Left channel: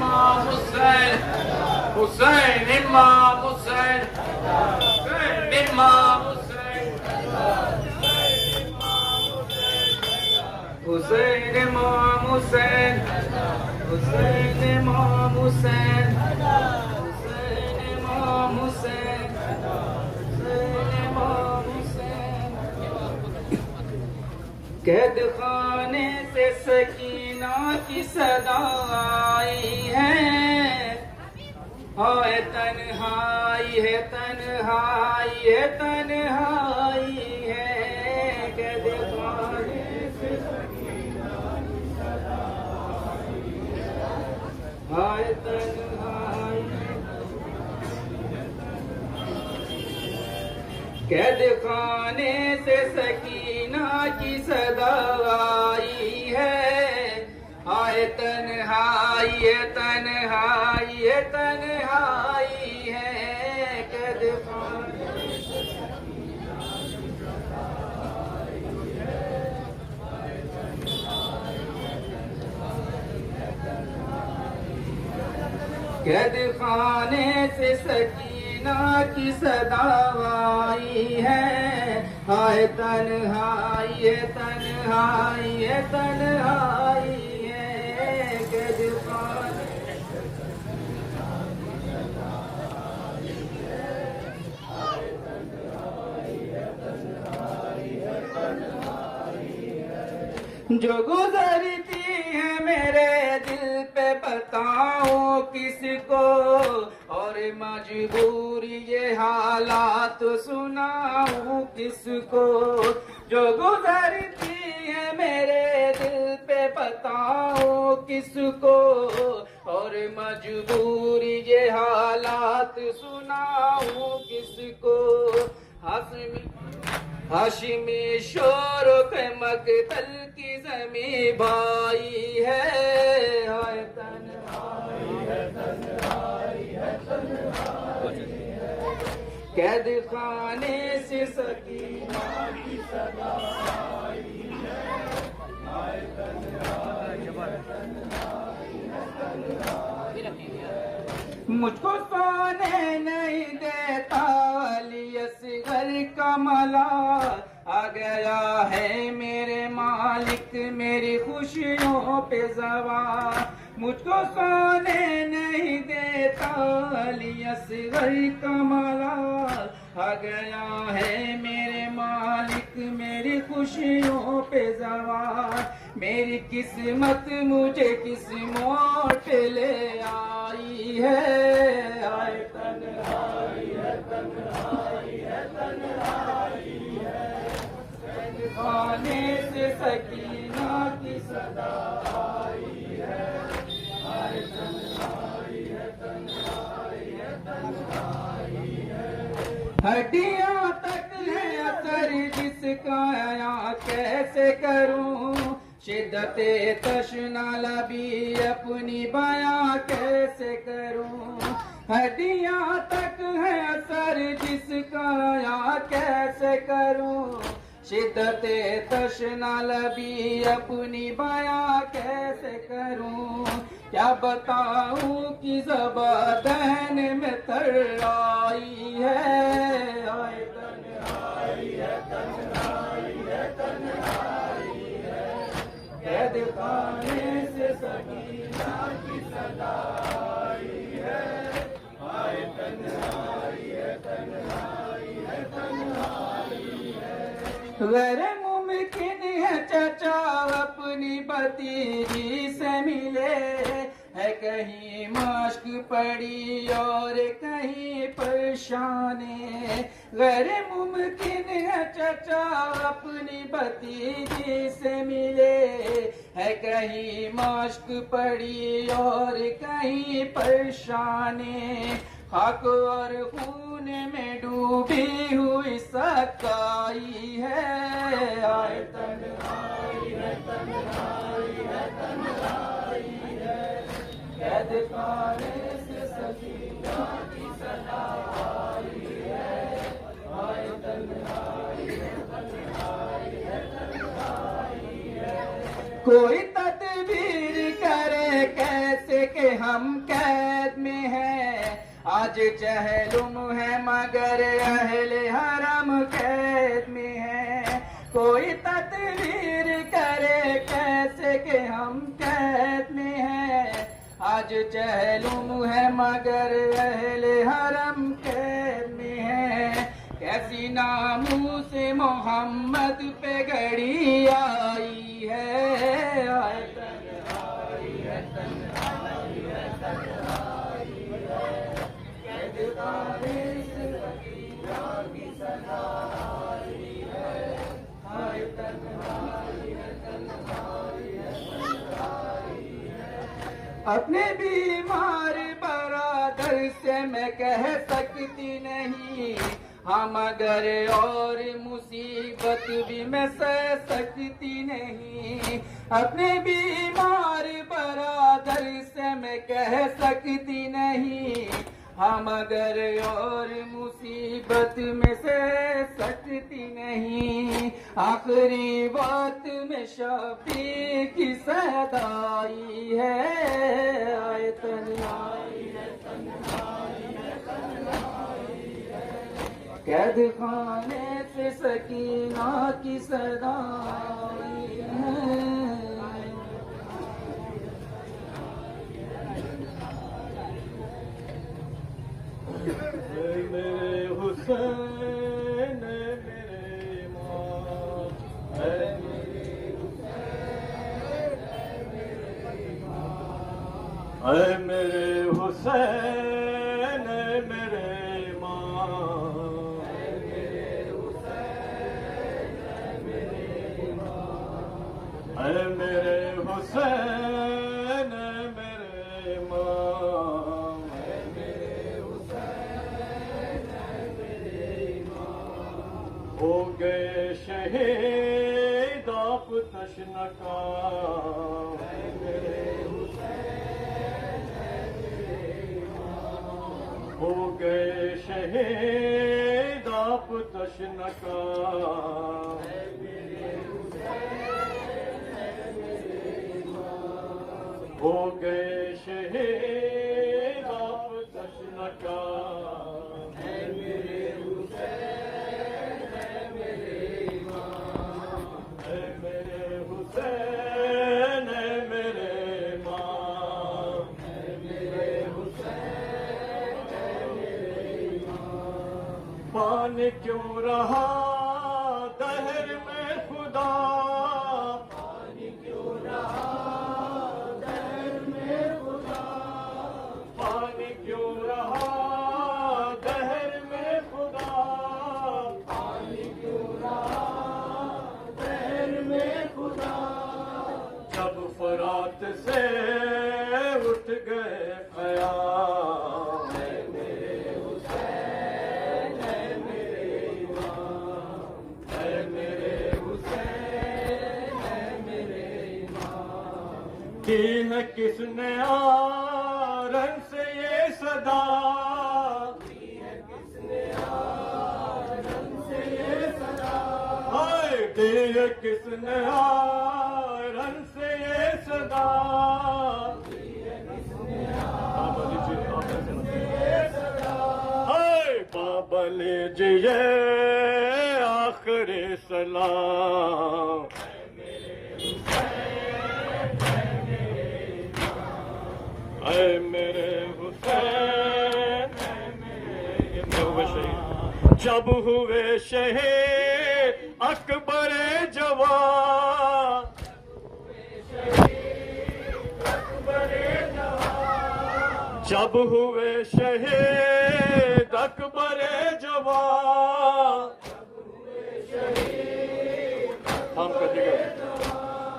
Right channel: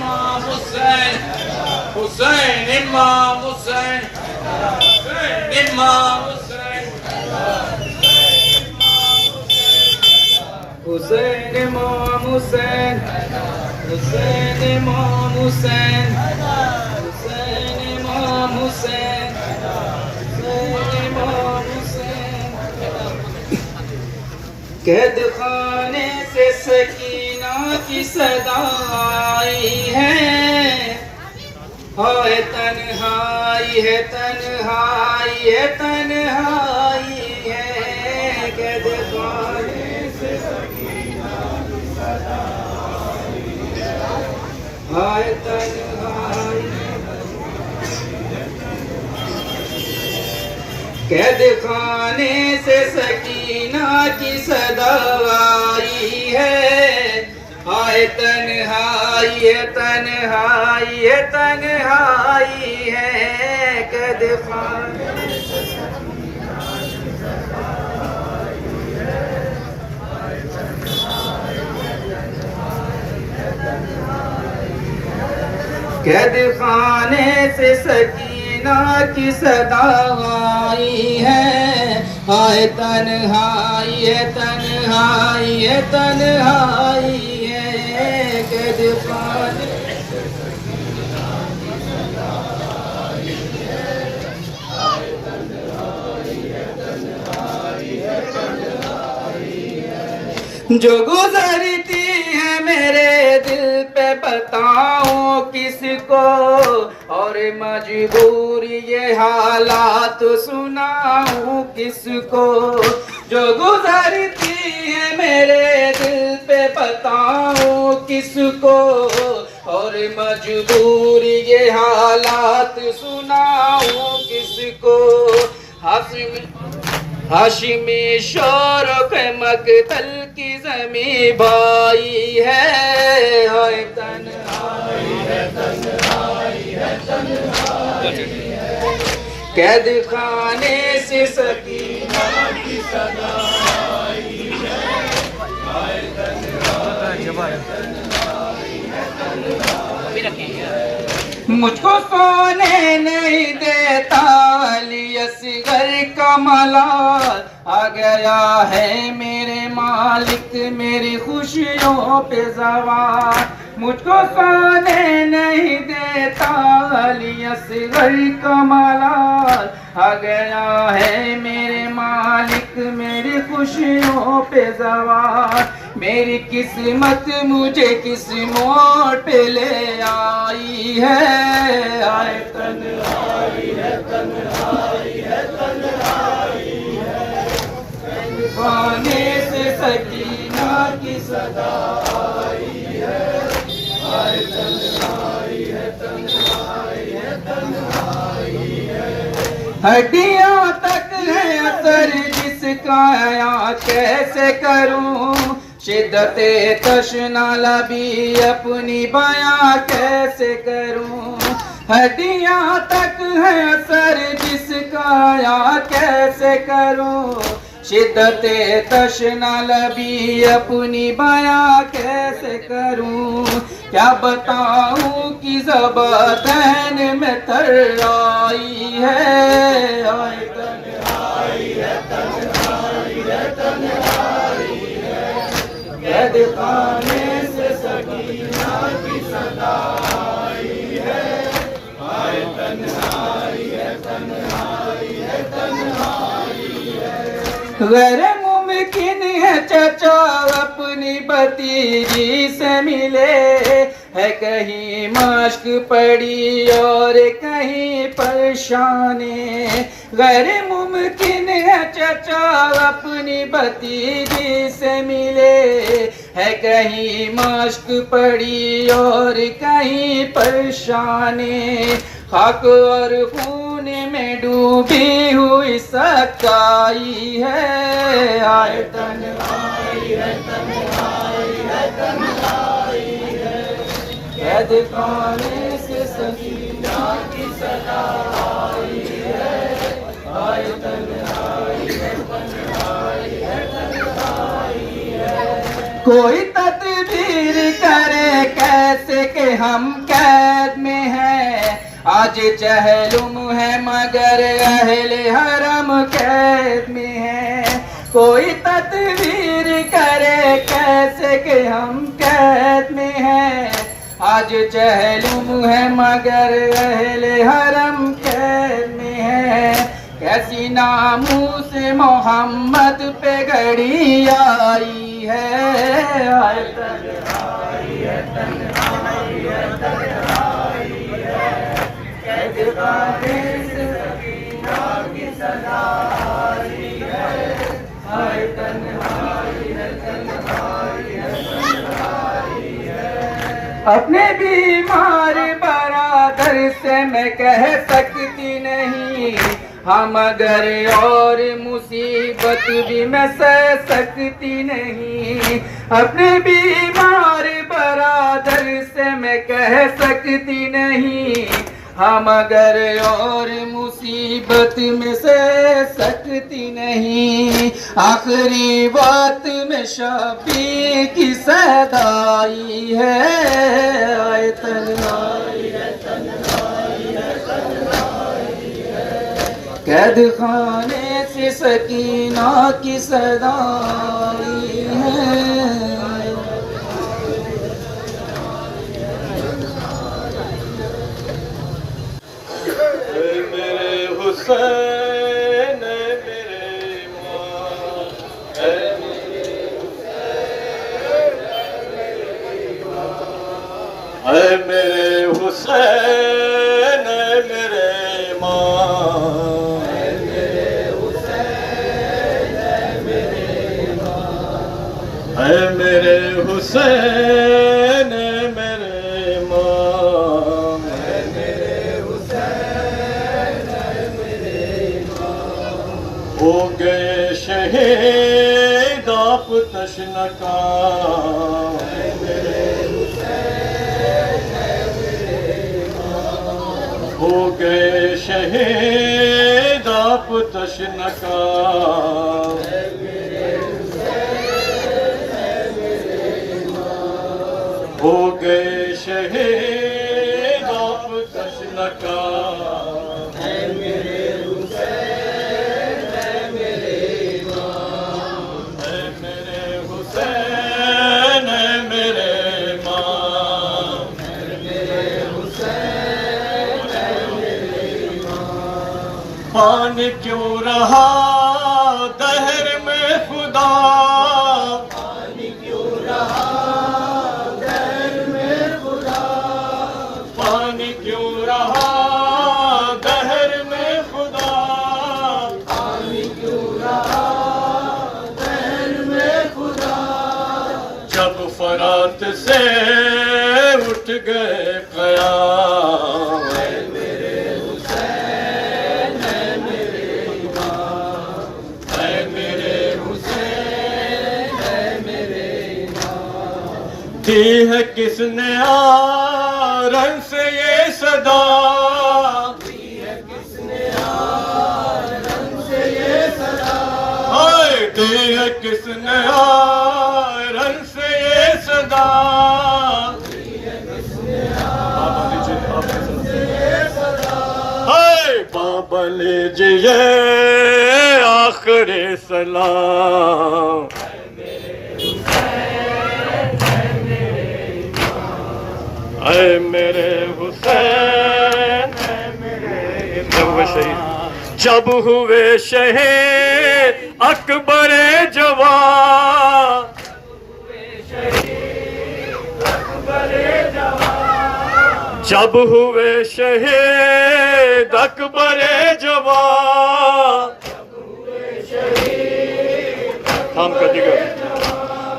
इमाम हुसैन, हुसैन इमाम हुसैन, हुसैन इमाम हुसैन, हुसैन इमाम हुसैन, हुसैन इमाम हुसैन, हुसैन इमाम हुसैन, हुसैन इमाम हुसैन। कैद खाने से सकीना की सदा आई है, हाय तन्हाई है, तन्हाई है, तन्हाई है। कैद खाने से सकीना की सदा आई है, हाय तन्हाई। कैद खाने से सकीना की सदा आई है, हाय तन्हाई है, तन्हाई है, तन्हाई है। कैद खाने से सकीना की सदा आई है, हाय तन्हाई है, तन्हाई है, तन्हाई है। कैद खाने से सकीना की सदा आई है, हाय तन्हाई है, तन्हाई है, तन्हाई है। कैद खाने से सकीना की सदा आई है, हाय तन्हाई है, तन्हाई है, तन्हाई है। जो गुजरती है मेरे दिल पे बताऊं किसको, और मजबूरी ये हालात सुनाऊं किसको। जो गुजरती है मेरे दिल पे बताऊं किसको, और मजबूरी ये हालात सुनाऊं किसको। हाशिमी शौरफ मकतल की ज़मी भाई है, हाय तन्हाई है, तन्हाई है, तन्हाई है। कैद खाने से सकीना की सदा आई है, हाय तन्हाई है, तन्हाई है, तन्हाई है। मुझको सोने नहीं देता अली असगर का मलाल, आ गया है मेरे मालिक मेरी खुशियों पे ज़वार। मुझको सोने नहीं देता अली असगर का मलाल, आ गया है मेरे मालिक मेरी खुशियों पे ज़वार। मेरी किस्मत मुझे किस मोड़ पे ले आई है, आए तन्हाई है, तन्हाई है, तन्हाई है। खाने से सकीना की सदा आई है, आए तन्हाई है, तन्हाई है, तन्हाई है। हड्डियां तक है असर जिसका या कैसे करूं, शिद्दते तशना लबी अपनी बयां कैसे करूं। हड्डियां तक है असर जिसका या कैसे करूं, शिद्दते तशना लबी अपनी बयां कैसे करूं। क्या बताऊं कि ज़बान में तर आई है, आए तन्हाई है, तन्हाई है, तन्हाई है। कैद खाने से सकीना की सदा आई है, आए तन्हाई है, तन्हाई है, तन्हाई है। गैर मुमकिन है चचा अपनी भतीजी से मिले, है कहीं मश्क पड़ी और कहीं परेशानी। गैर मुमकिन है चचा अपनी भतीजी से मिले, है कहीं मश्क पड़ी और कहीं परेशानी। खाक और खून में डूबी हुई सच्चाई है, आए तन्हाई है, तन्हाई है, तन्हाई है। कैद खाने से सकीना की सदा आई है, आए तन्हाई है, तन्हाई है, तन्हाई है। कोई तदबीर करे कैसे के हम कैद में हैं। आज चहलुम है मगर अहले हरम कैद में है। कोई तदबीर करे कैसे कि हम कैद में हैं। आज चहलुम है मगर अहले हरम कैद में है। कैसी नामूस मोहम्मद पे घड़ी आई है। अपने बीमार बरादर से मैं कह सकती नहीं, हम मगर और मुसीबत भी मैं सह सकती नहीं। अपने बीमार बरादर से मैं कह सकती नहीं, हम मगर और मुसीबत में सह सकती नहीं। आखिरी बात में शफी की सदाई है। आए तन्हाई है, तन्हाई है, तन्हाई है। कैद खाने से सकीना की सदाई है। मेरे हुसैन मेरे माँ है, मेरे हुसैन मेरे माँ, मेरे हुसैन मेरे माँ, मेरे हुसैन मेरे माँ, मेरे हुसैन मेरे माँ। हो गए शहीद आप तशनका, हो गए शहीद आप तशनका। हो गए शहीद आप तशनका। पानी क्यों रहा दहर में खुदा, पानी क्यों रहा दहर में खुदा, पानी क्यों रहा दहर में खुदा, पानी क्यों रहा दहर में खुदा। जब फरात से उठ गए क़याम, दी है किसने आरन से ये सदा, दी है किसने आरन से ये सदा, दी है किसने आरन से ये सदा, दी है किसने आरन से ये सदा। बाबा लीजिए आखिरी सलाम, ऐ मेरे हुसैन मेरे शहीद। जब हुए शहीद अकबर जवान, जब हुए शहीद अकबर जवान, थाम कर जिगर,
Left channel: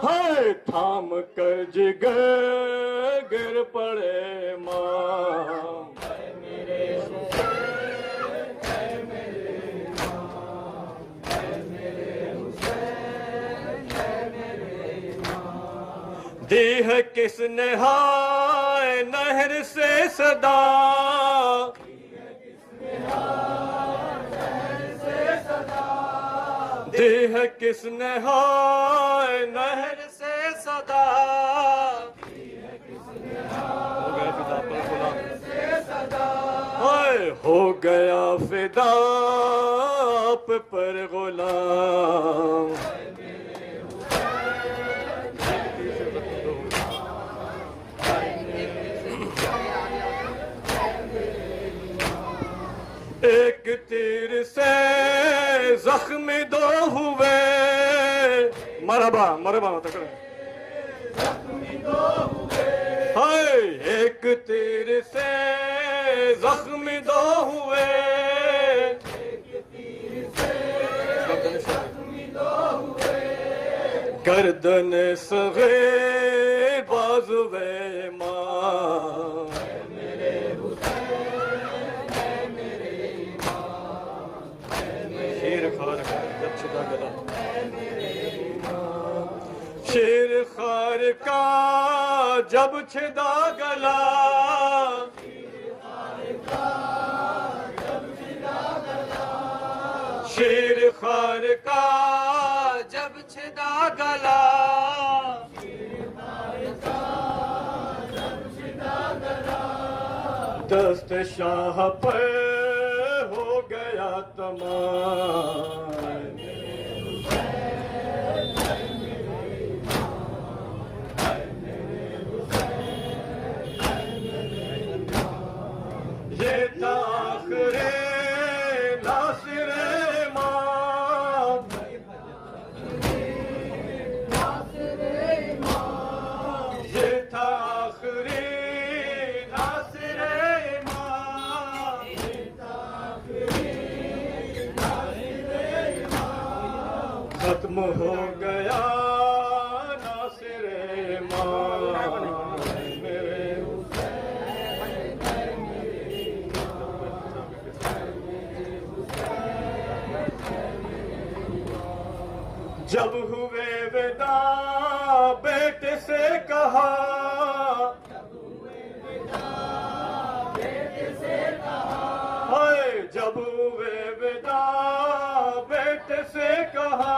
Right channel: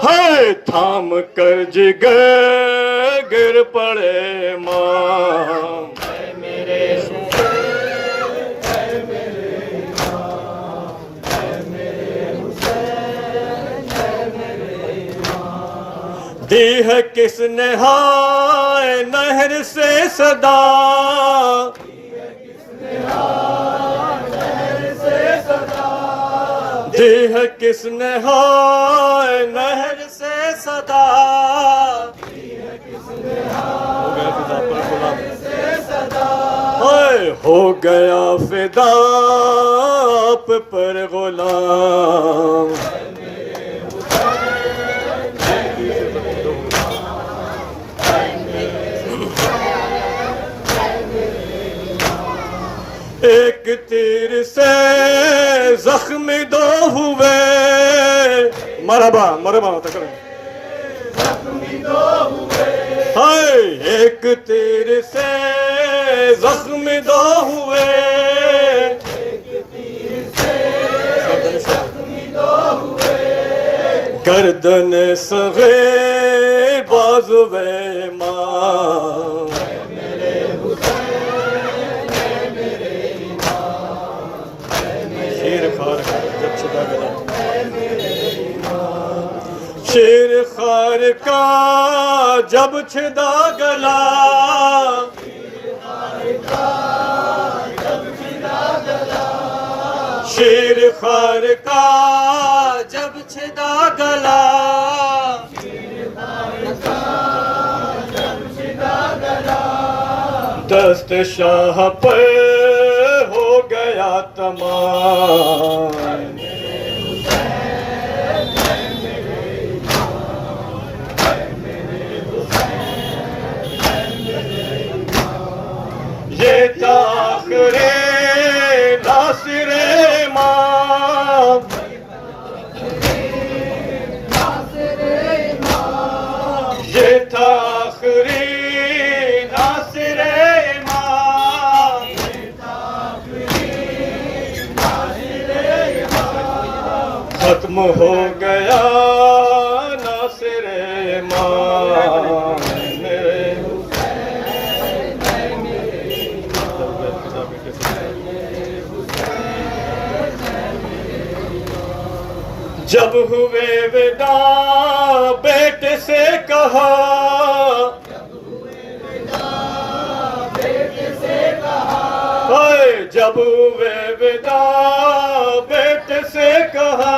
हाय थाम कर जिगर गिर पड़े मां, मेरे दी है किसने हाय नहर से सदा, दी है किसने हाय नहर से सदा, हो गया गया फिदा आप पर गुलाम। एक तीर से जख्म दो हुए, मरहबा मरहबा मत करें। हाय एक तीर से जख्म दो हुए, गर्दन सग़ीर बाज़ुए मां। शेर खार जब छिदा गला, शेर खार का जब छिदा गला, शेर खार का जब छिदा गला, दस्त शाह पर हो गया तमाम। ये ताख़िरे नासिरे मां, ये ताख़िरे नासिरे मां, खत्म हो गया नासिरे मां। जब हुए विदा बेटे से कहा, हाय जब हुए विदा बेटे से कहा,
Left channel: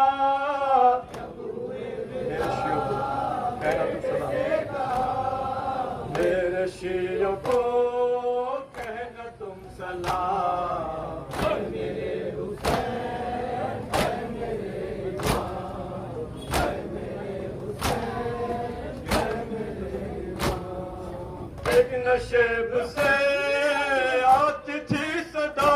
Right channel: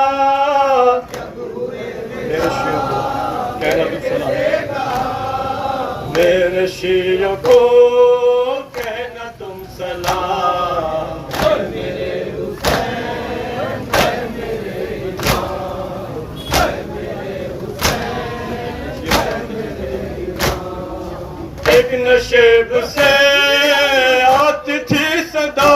मेरे शियों को कहना तुम सलाम। एक नशेब से आती थी सदा,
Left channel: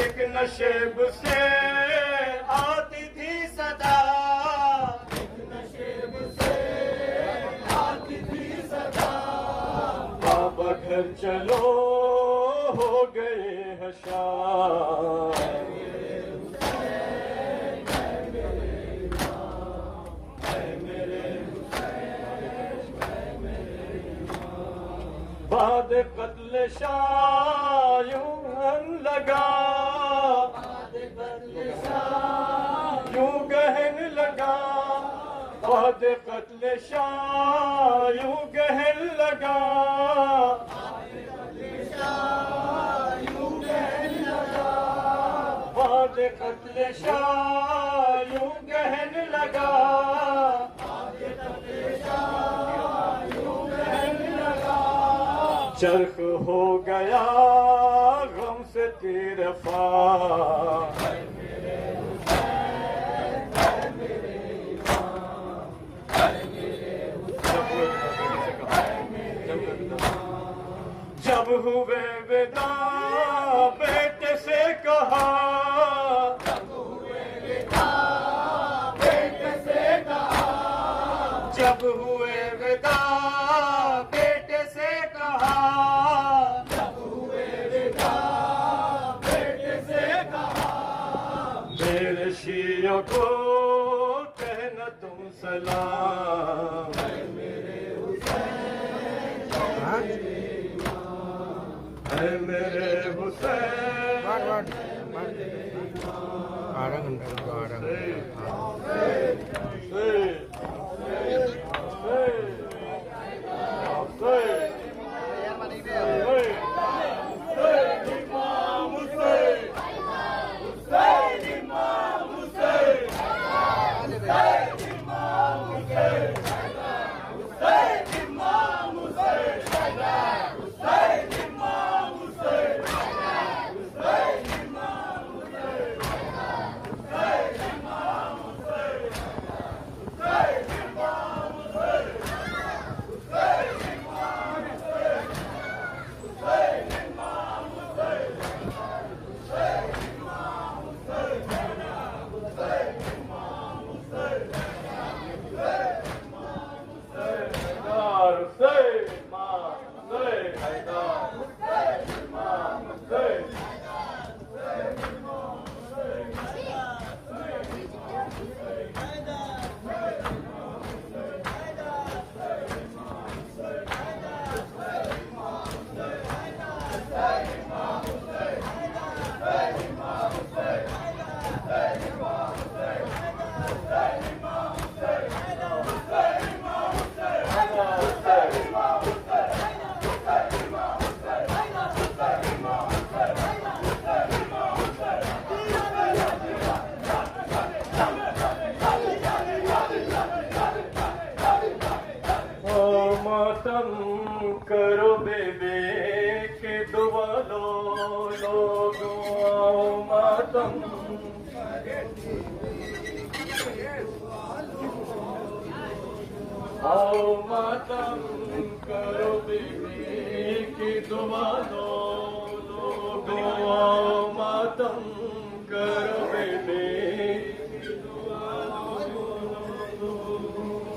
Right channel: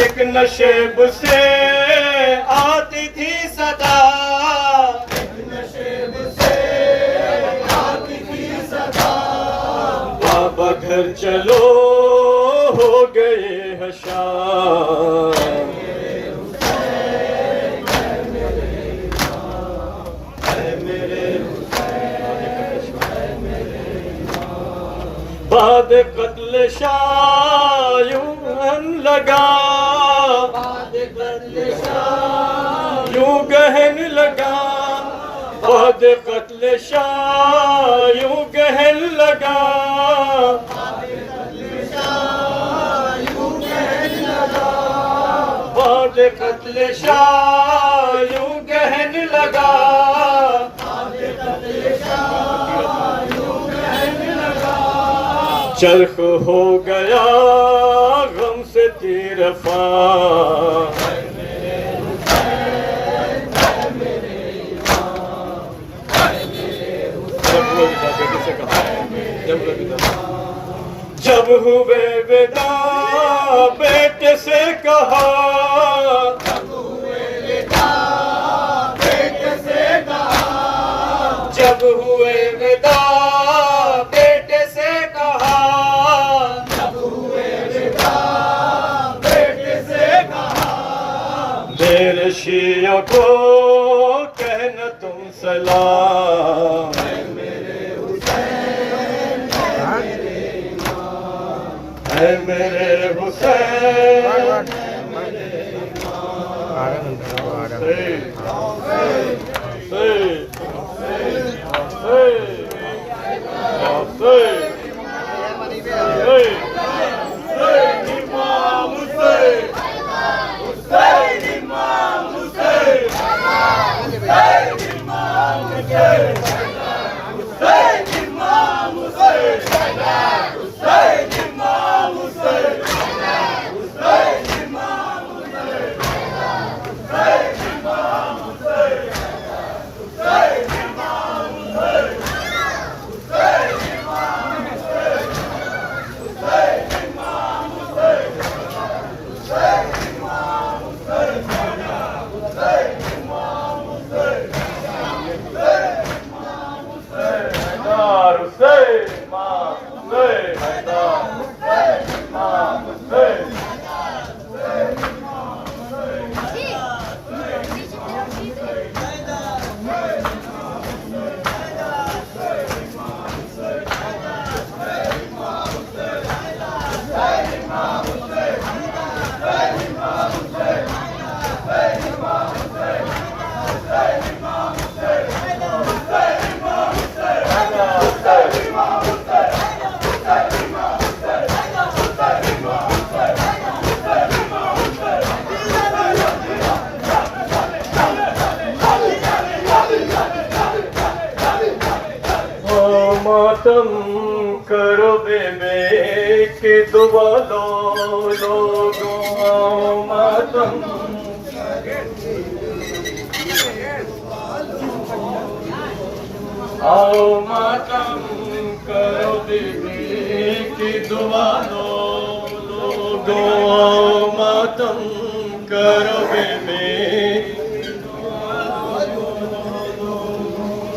एक नशेब से आती थी सदा, बाबा घर चलो हो गए हैं शाम। बाद कत्ल शाह यूं लगा, यूं गहन लगा, बाद कत्ल शाह यूं गहन लगा, बाद कत्ल शाह यूं गहन लगा, चरख हो गया गम से तीरफा। जब हुए विदा बेटे से कहा, जब हुए विदा बेटे से कहा, मेरे शियों को कहना तुम सलाम। है मेरे हुसैन, दुआ लो लोगों आओ मातम आओ मातम करो बीबी की दुआ लो लोगों आओ मातम करो बीबी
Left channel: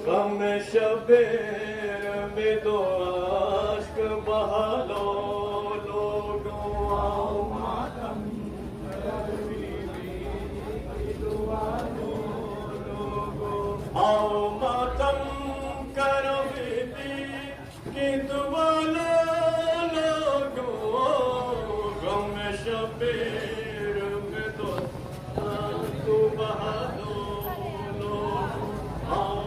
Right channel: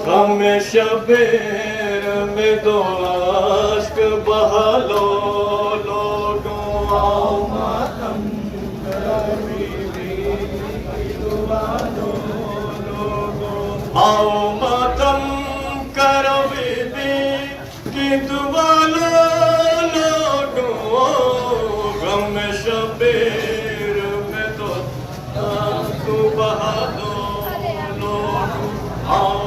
गम शबीर में दो आश्क बहा लो लोगों आओ मातम करो बीबी की दुआ लो लोगों आओ मातम करो बीबी की दुआ लो लोगों गम शबीर में दो आँख बहा लो लोगों आओ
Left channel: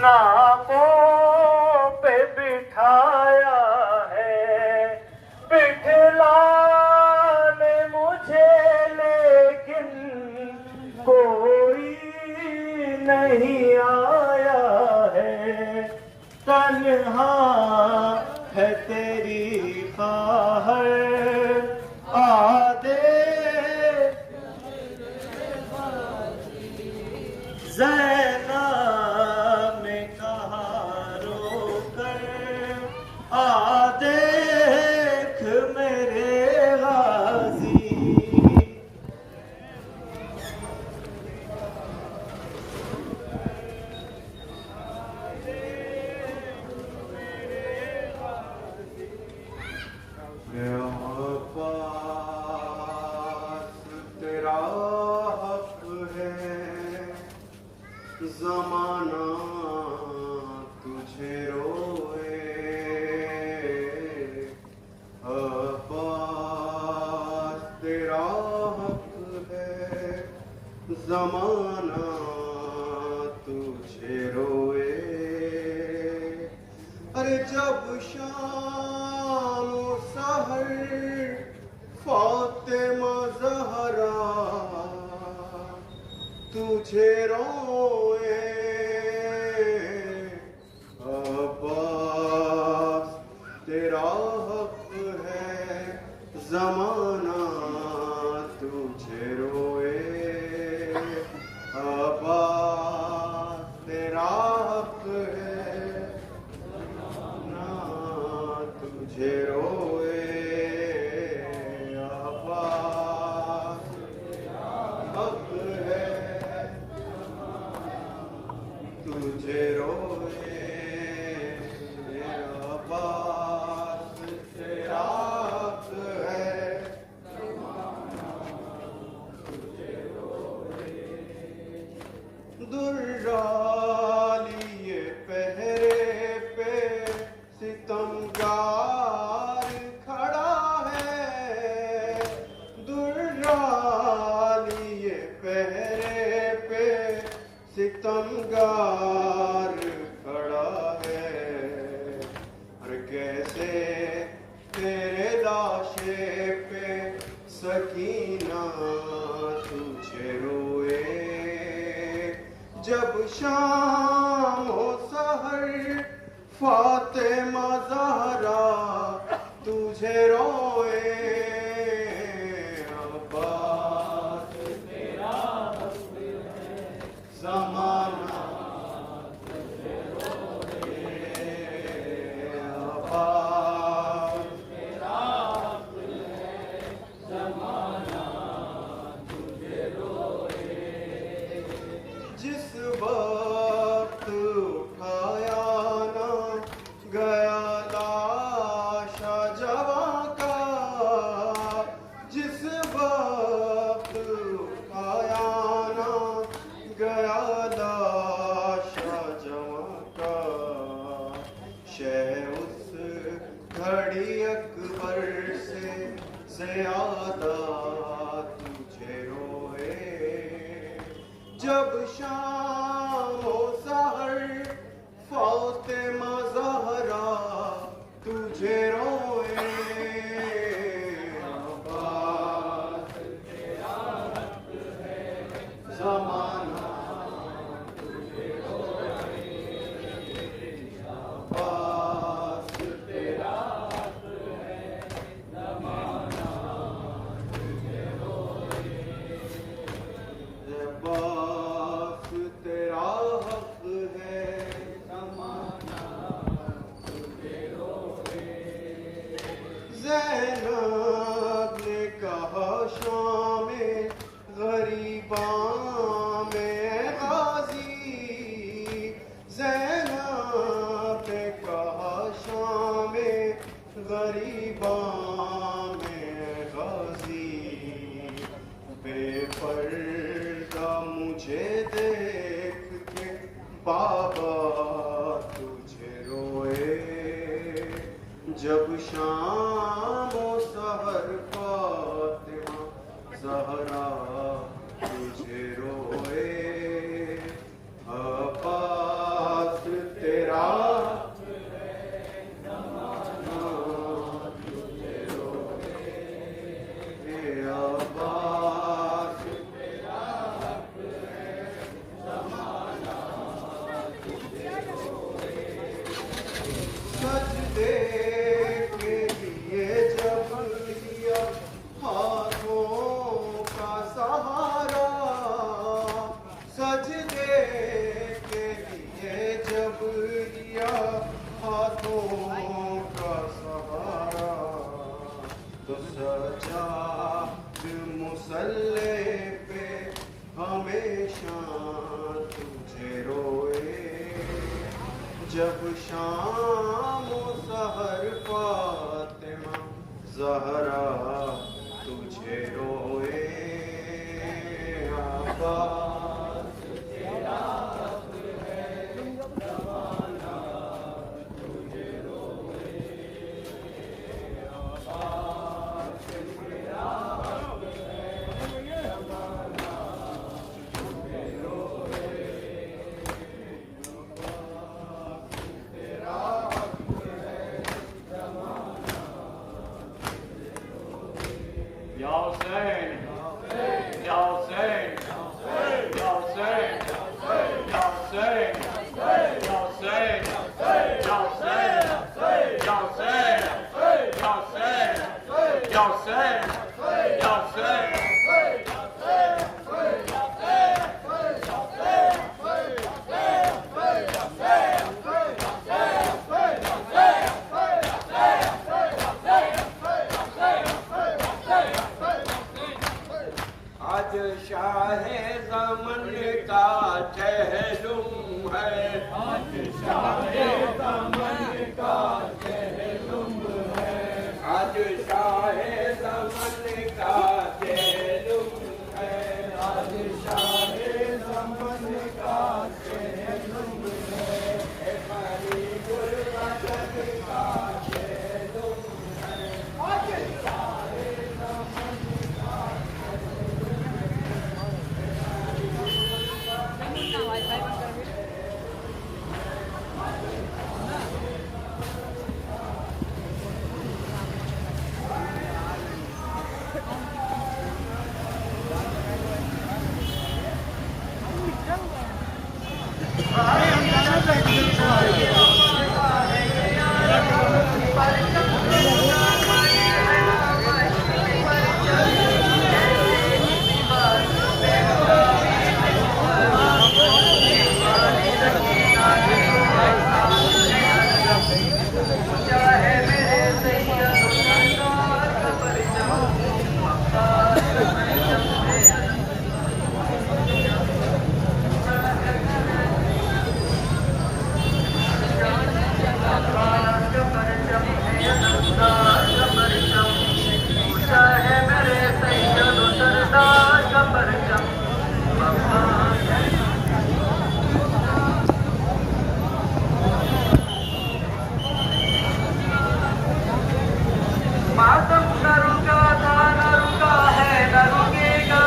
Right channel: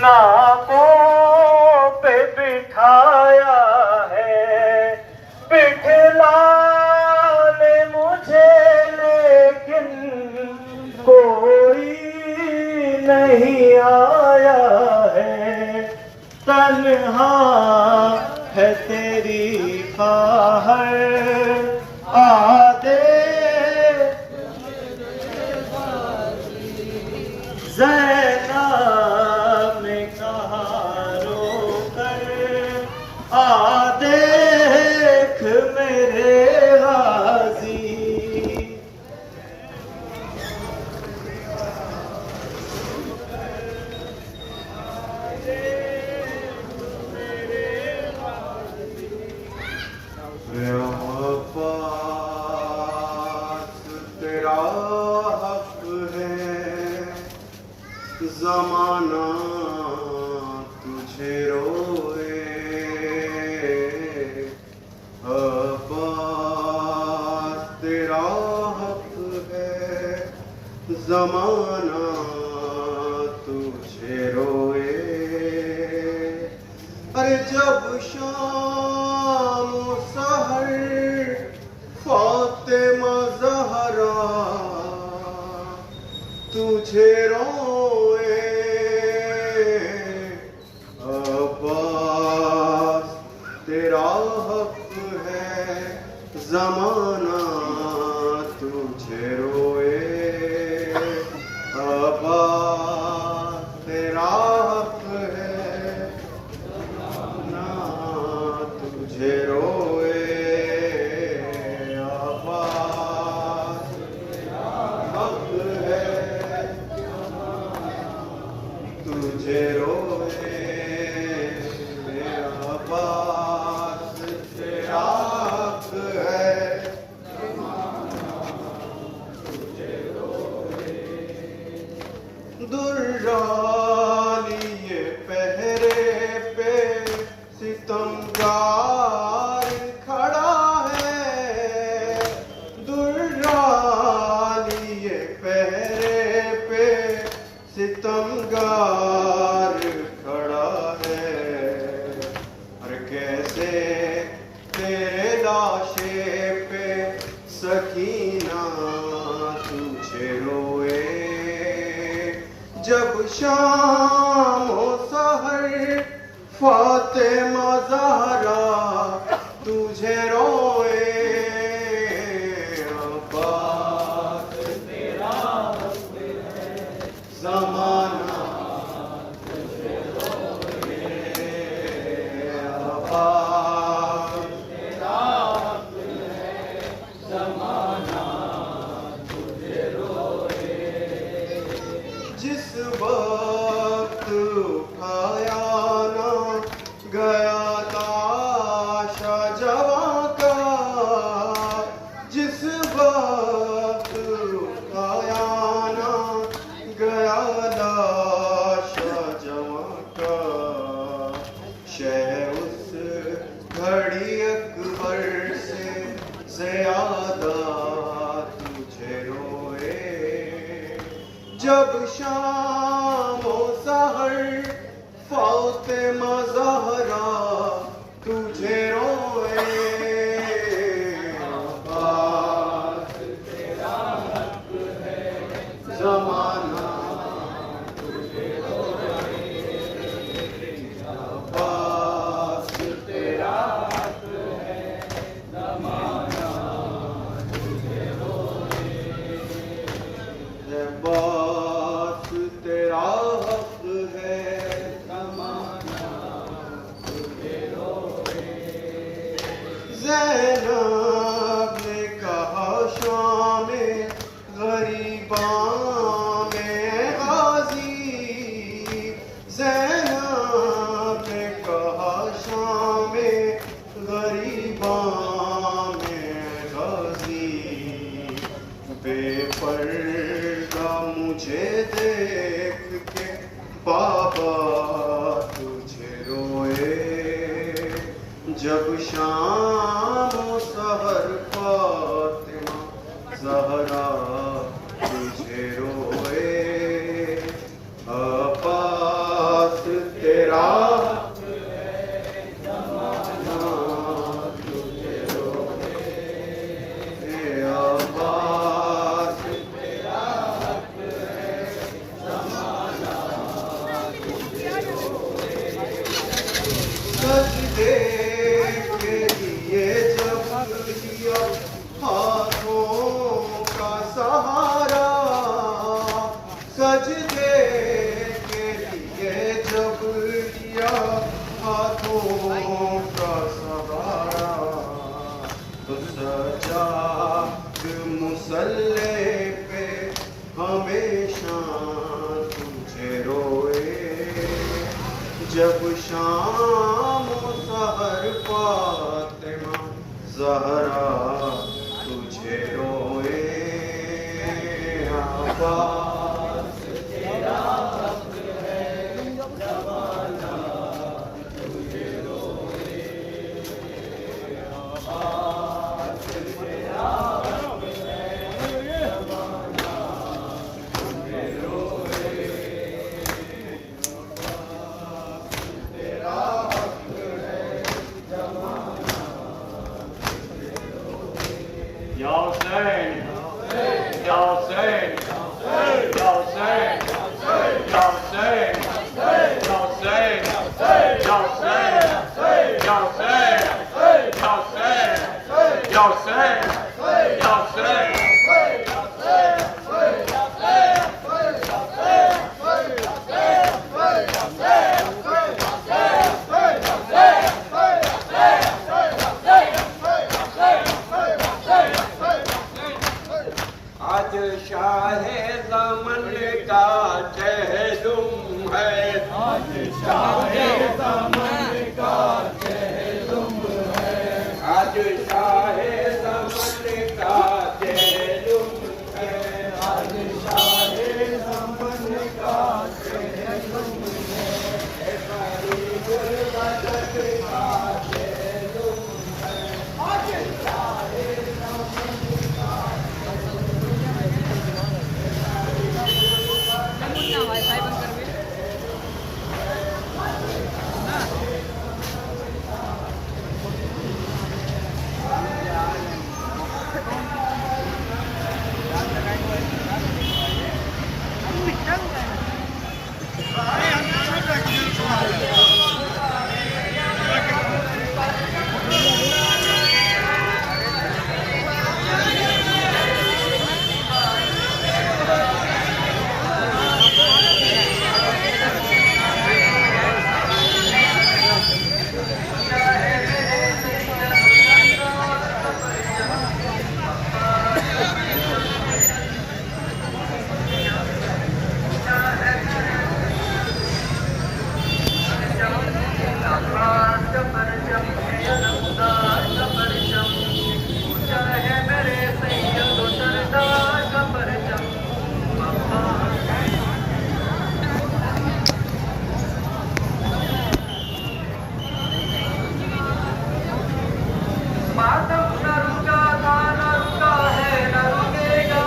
नाकों पे बिठाया है बिठलाने मुझे लेकिन कोई नहीं आया है तन्हा है तेरी ख़्वाहिश आदे ज़ैनब ने कहा रोकर आ देख मेरे गाज़ी तेरा हक है ज़माना तुझे रोए अब्बास तेरा हक है ज़माना तुझे रोए अरे जब शाम सहर फातिमा ज़हरा तुझे रोए अब्बास तेरा हक है ज़माना तुझे रोए अब्बास तेरा हक है ज़माना तुझे रोए अब्बास हक है शाम हो सहर फातिमा ज़हरा तुझे रोए अब्बास तेरा ज़माना तुझे रोए अब्बास तेरा ज़माना तुझे रोए जिस वक्त उठाया ना गया लाशा जवां का जिस वक्त उठाया ना गया लाशा जवां का शह उस घड़ी अकबर से ज़्यादा तुझे रोए जब शाम हो सहर फातिमा ज़हरा तुझे रोए अब्बास तेरा हक है ज़माना तुझे रोए अब्बास तेरा हक है ज़माना तुझे रोए अब्बास तेरा हक है ज़माना तुझे रोए ज़ैनब ने कहा शाम गरीबा में गाजी ज़ैनब ने कहा शाम गरीबा में गाजी बेपर्दा मुझे देख के बाबा तुझे रोए जब शाम हो सहर फातिमा ज़हरा तुझे रोए अब्बास तेरा हक है ज़माना तुझे रोए अब्बास तेरा हक है ज़माना तुझे रोए सजदे के लिए जब लिया हाथों का सहारा सजदे के लिए जब लिया हाथों का सहारा तो सजाद मुसल्ले पे हमेशा तुझे रोए जब शाम सहर फातिमा ज़हरा तुझे रोए अब्बास तेरा हक है ज़माना तुझे रोए अब्बास तेरा हक है ज़माना तुझे रोए तेरा हक है ज़माना Ya Hussein, Ya Hussein, Ya Hussein, Ya Hussein, Ya Hussein, Ya Hussein, Ya Hussein, Ya Hussein, Ya Hussein, Ya Hussein. आज शाहे ज़मन का चहलुम है आज शाहे ज़मन का चहलुम है आज शाहे ज़मन का चहलुम है आज शाहे ज़मन का चहलुम है गरीबुल वतन का चहलुम है आज शाहे ज़मन का मातम न रुका था न रुका है न रुकेगा,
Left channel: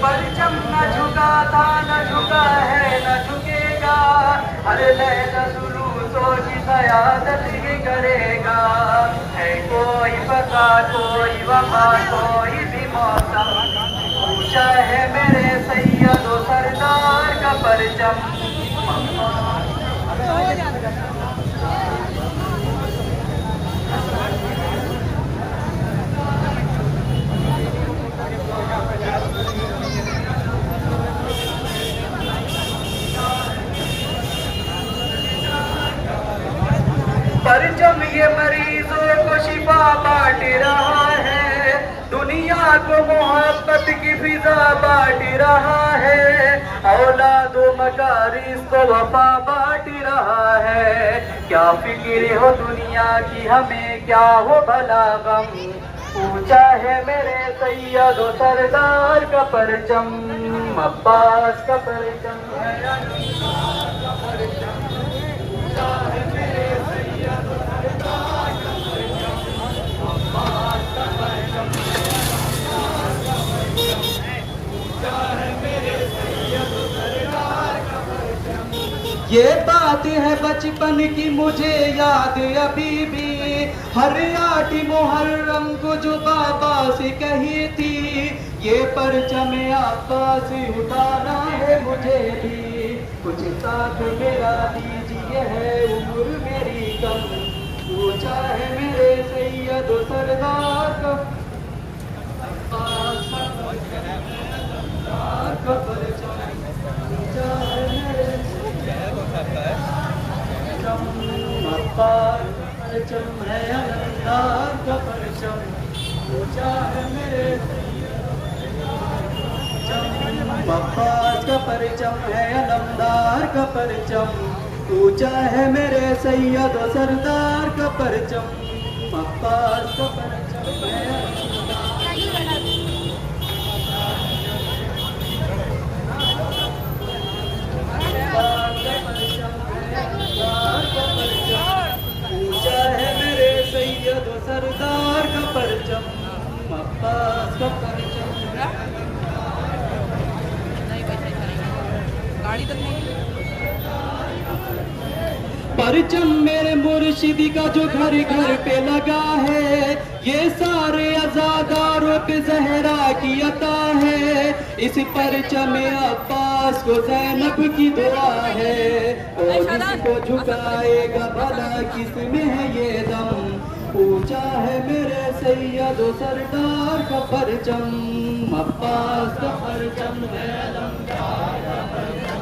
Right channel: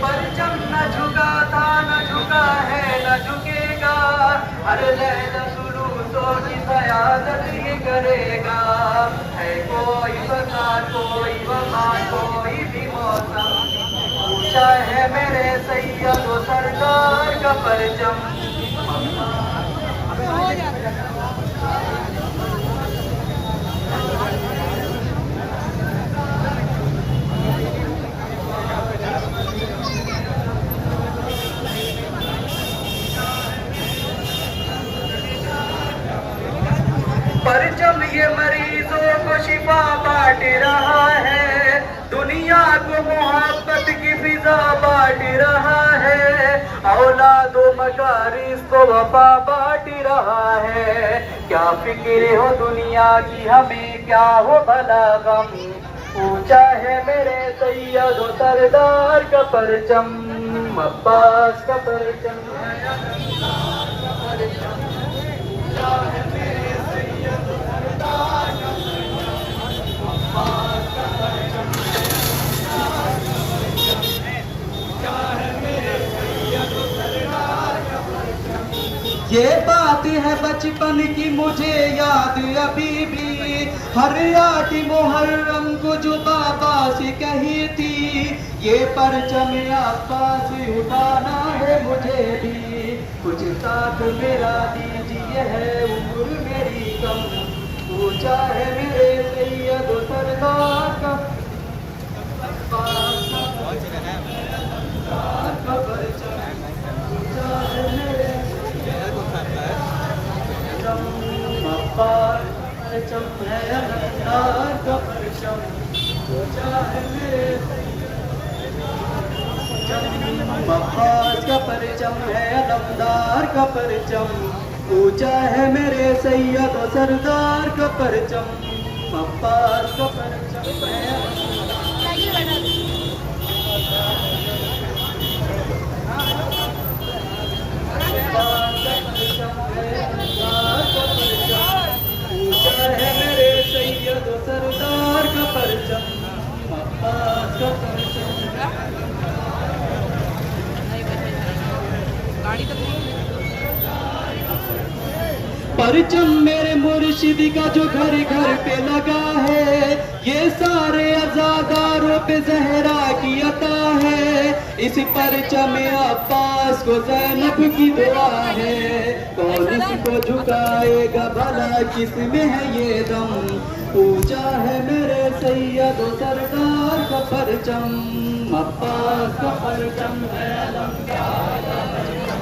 परचम न झुका था न झुका है न झुकेगा, हर लहजा जुलूसों की क़यादत ही करेगा। है कोई पता कोई वफा कोई भी मौसम, ऊंचा है मेरे सैयद व सरदार का परचम। परचम ये मरीजों को शिफा बांट रहा है, दुनिया को मोहब्बत की फिजा बांट रहा है, औलादो मकारिस को वफा बांट रहा है। क्या फिक्र हो दुनिया की हमें क्या हो भला गम, ऊंचा है मेरे सैयद व सरदार का परचम, अब्बास का परचम है का परचम, ऊंचा है मेरे सैयद व सरदार का परचम, अब्बास का परचम ऊंचा है मेरे सैयद व सरदार का परचम। ये बात है बचपन की मुझे याद अभी भी, हर रात मुहर्रम को जो बाबा से कही थी, ये परचम अब्बास उठाना है मुझे भी, कुछ साथ मेरा दीजिए है उम्र मेरी कम, ऊंचा है मेरे सैयद सरदार का अब्बास का परचम, ऊंचा है मेरे अब्बास परचम है अलमदार का परचम, ऊंचा है मेरे अब्बास का परचम है अलमदार का परचम, ऊंचा है मेरे सैयद सरदार का परचम, अब्बास का परचम है ऊंचा है मेरे सैयद सरदार का परचम, अब्बास का परचम। परचम मेरे मुर्शिद का जो घर घर पे लगा है, ये सारे अज़ादारों पे ज़हरा की अता है, इस परचम अब्बास को ज़ैनब की दुआ है, कौन इसको झुकाएगा भला किसमें है ये दम, ऊंचा है मेरे सैयद सरकार का परचम, अब्बास का परचम है अलमदार का परचम,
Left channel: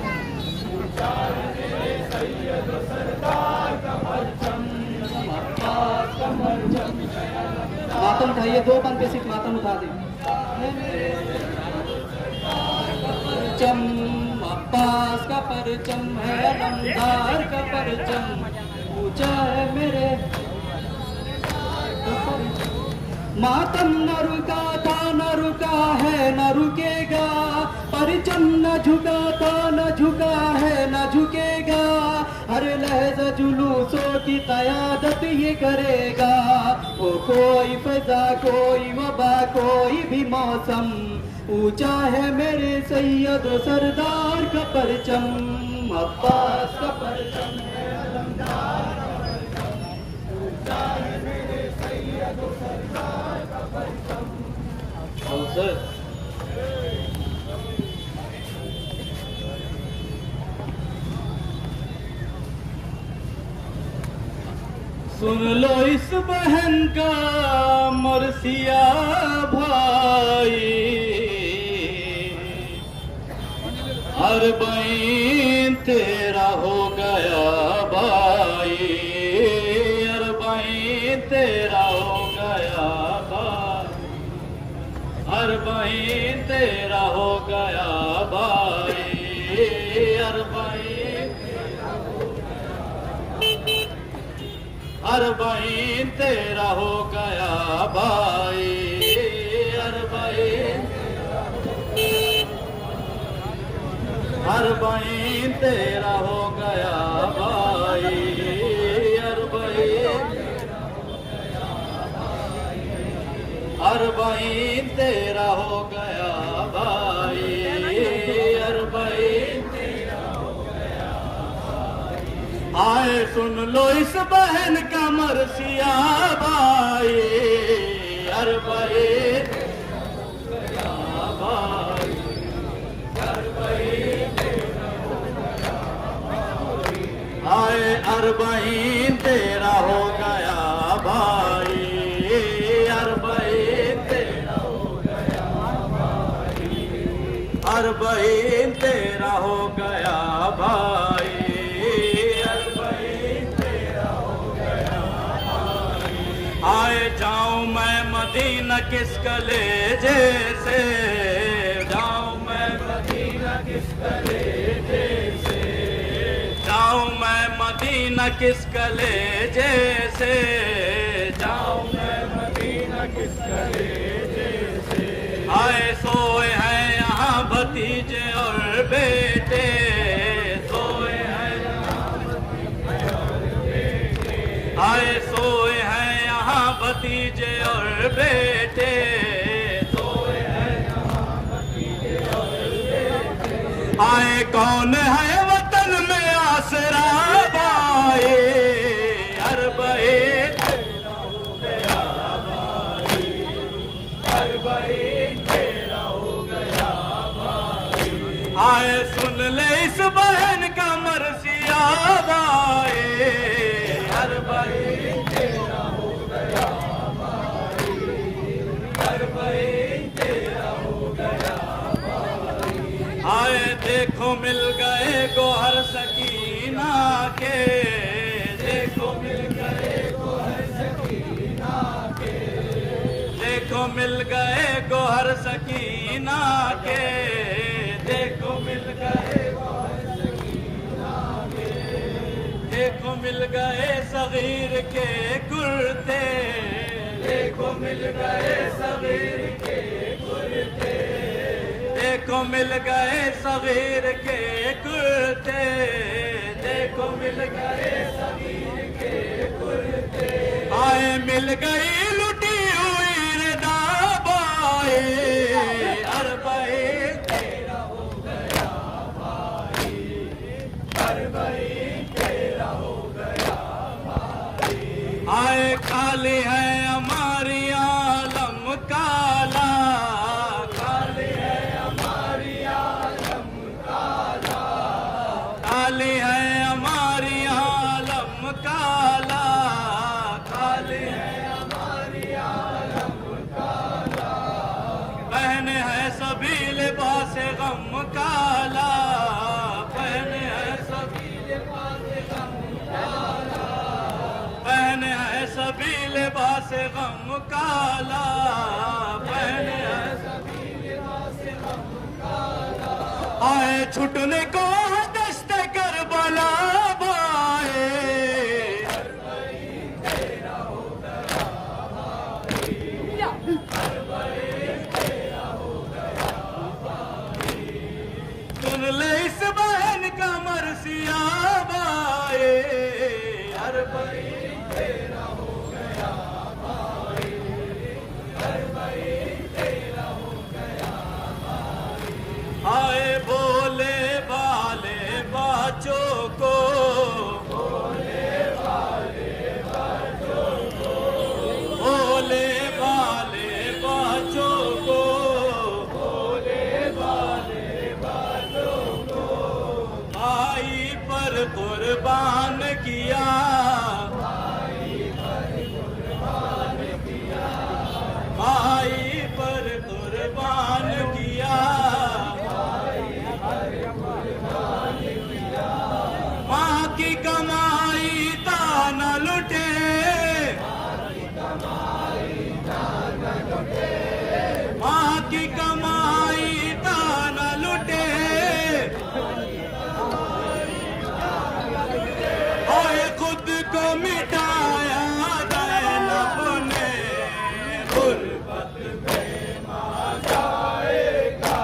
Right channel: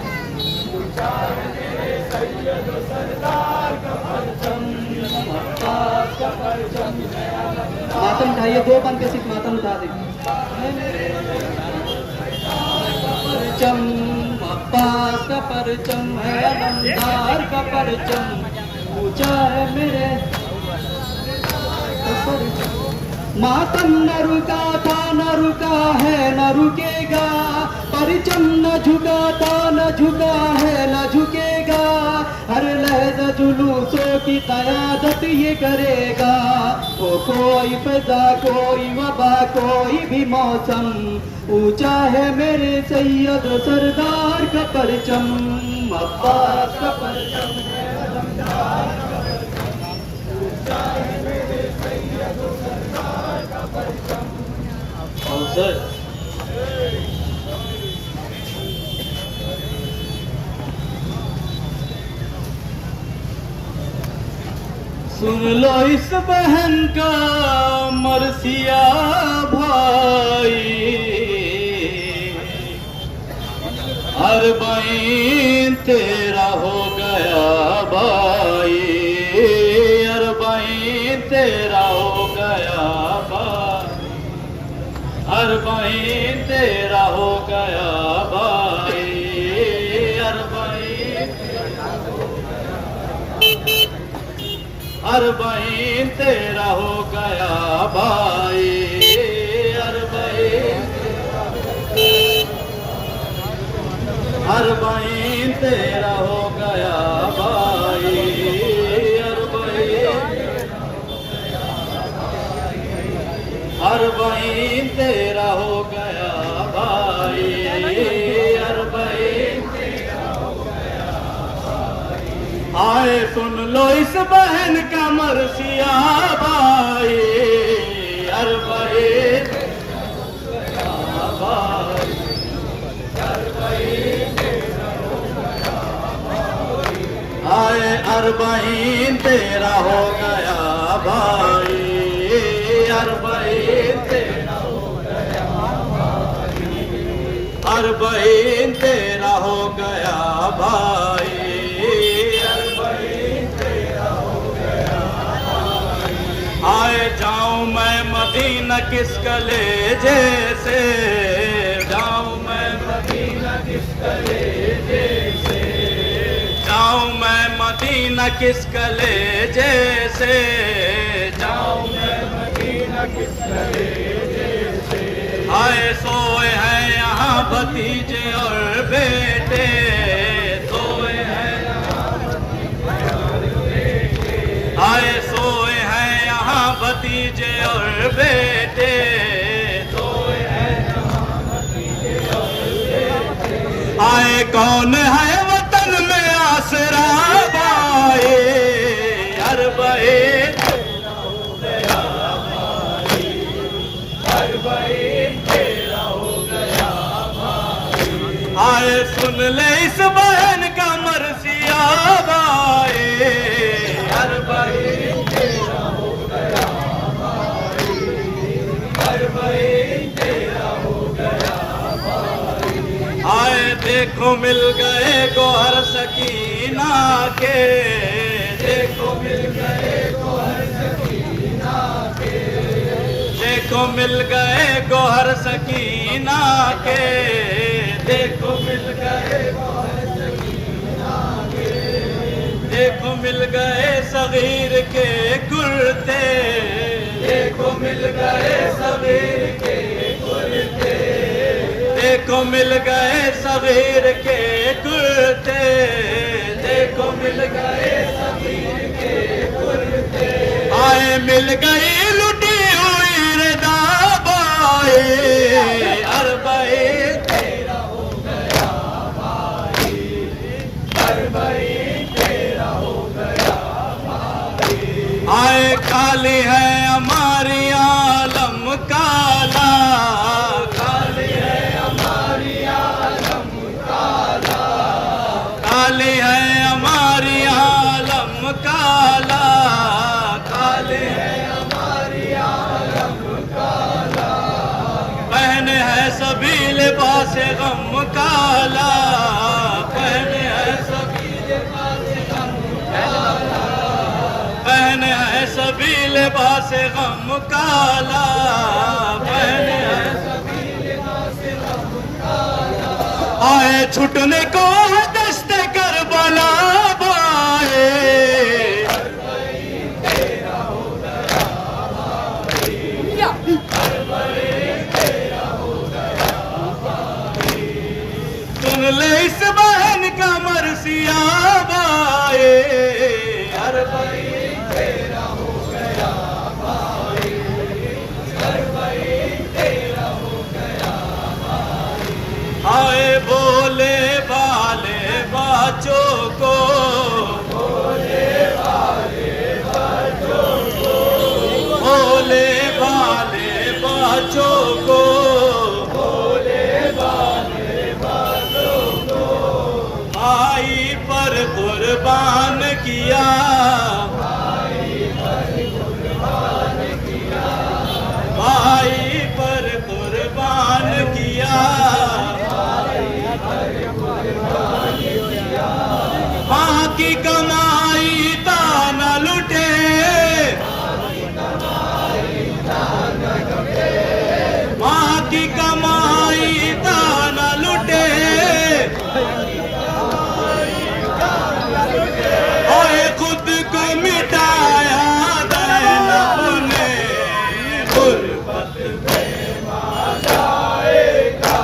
ऊंचा है मेरे सैयद सरकार का परचम, अब्बास का परचम है अलमदार। मातम उठाइए, दो कान पे सिर्फ मातम उठा दे। परचम अब्बास का परचम है अलमदार का परचम, ऊंचा है मेरे मातम न रुका था न रुका है न रुकेगा, परचम न झुका था न झुका है न झुकेगा, हर लहजा जुलूसों की क़यादत ये करेगा, वो कोई फ़ज़ा कोई वबा कोई भी मौसम, ऊंचा है मेरे सैयद सरदार का परचम, अब्बास का परचम है अलमदार का परचम, ऊंचा है मेरे सैयद सरदार का परचम। सुन लो इस बहन का मरसिया भाई, अरबाइन तेरा हो गया भाई, अरबाइन तेरा हो गया भाई, अरबाइन तेरा हो गया भाई, अरबाइन अरबाइन तेरा हो गया भाई, अरबाइन अरबाइन तेरा हो गया भाई, अरबाइन अरबईन तेरा हो गया भाई, अरबईन तेरा हो गया भाई। आए सुन लो इस बहन का मरसिया भाई, अरबईन तेरा हो गया भाई, अरबईन तेरा हो गया भाई। आए अरबईन तेरा हो गया भाई, अरबईन तेरा हो गया भाई, अरबईन तेरा हो गया भाई, अरबईन तेरा हो गया भाई। आए जाऊं मैं मदीना किस कलेजे से, जाऊं मैं मदीना किस कलेजे से, जाऊं मैं मदीना किस कलेजे से, जाऊं मैं मदीना किस कलेजे से। आए सोए हैं यहाँ भतीजे और बेटे, सोए हैं यहाँ भतीजे और बेटे। आए सोए हैं यहाँ भतीजे और बेटे, सोए हैं यहाँ भतीजे और बेटे। आए कौन है वतन में आसरा भाई, अरबईन तेरा हो गया भाई, अरबईन तेरा हो गया भाई। आए सुन ले इस बहन का मरसिया भाई, अरबईन तेरा हो गया भाई, अरबईन तेरा हो गया भाई। आए देखो मिल गए गोहर सकीना के, देखो मिल गए गोहर सकीना के, देखो मिल गए गोहर सकीना के, देखो मिल गए गोहर सकीना के। देखो मिल गए सगीर के कुर्ते, देखो मिल गए सगीर के कुर्ते, देखो मिल गए सगीर के कुर्ते, देखो मिल गए सगीर के कुर्ते। आए मिल गई लुटी हुई रदा बाए, अरबईन तेरा हो गया भाई, अरबईन तेरा हो गया भाई। आए खाली है हमारी आलम काला, खाली है हमारी आलम काला, खाली है हमारी आलम काला, खाली है हमारी आलम काला। पहने है सभी लिबास गम काला, पहने है सभी लिबास गम काला, पहने है सभी लिबास गम काला, पहने है सभी लिबास गम काला। आए छुटने को है दस्ते करबला बाए, अरबईन तेरा हो गया भाई, अरबईन तेरा हो गया भाई। सुन ले इस बहन का मरसिया भाई, अरबईन तेरा हो गया भाई, अरबईन तेरा हो गया भाई। आए बोले वाले बच्चों को, बोले वाले बच्चों को, बोले वाले बच्चों को, बोले वाले बच्चों को। भाई पर कुर्बान किया, भाई पर कुर्बान किया, भाई पर कुर्बान किया, माँ की कमाई दाना लुटे, माँ की कमाई दाना लुटे, और खुद को मिटाया दैनब ने, गुर्बत में माँ जाएगा,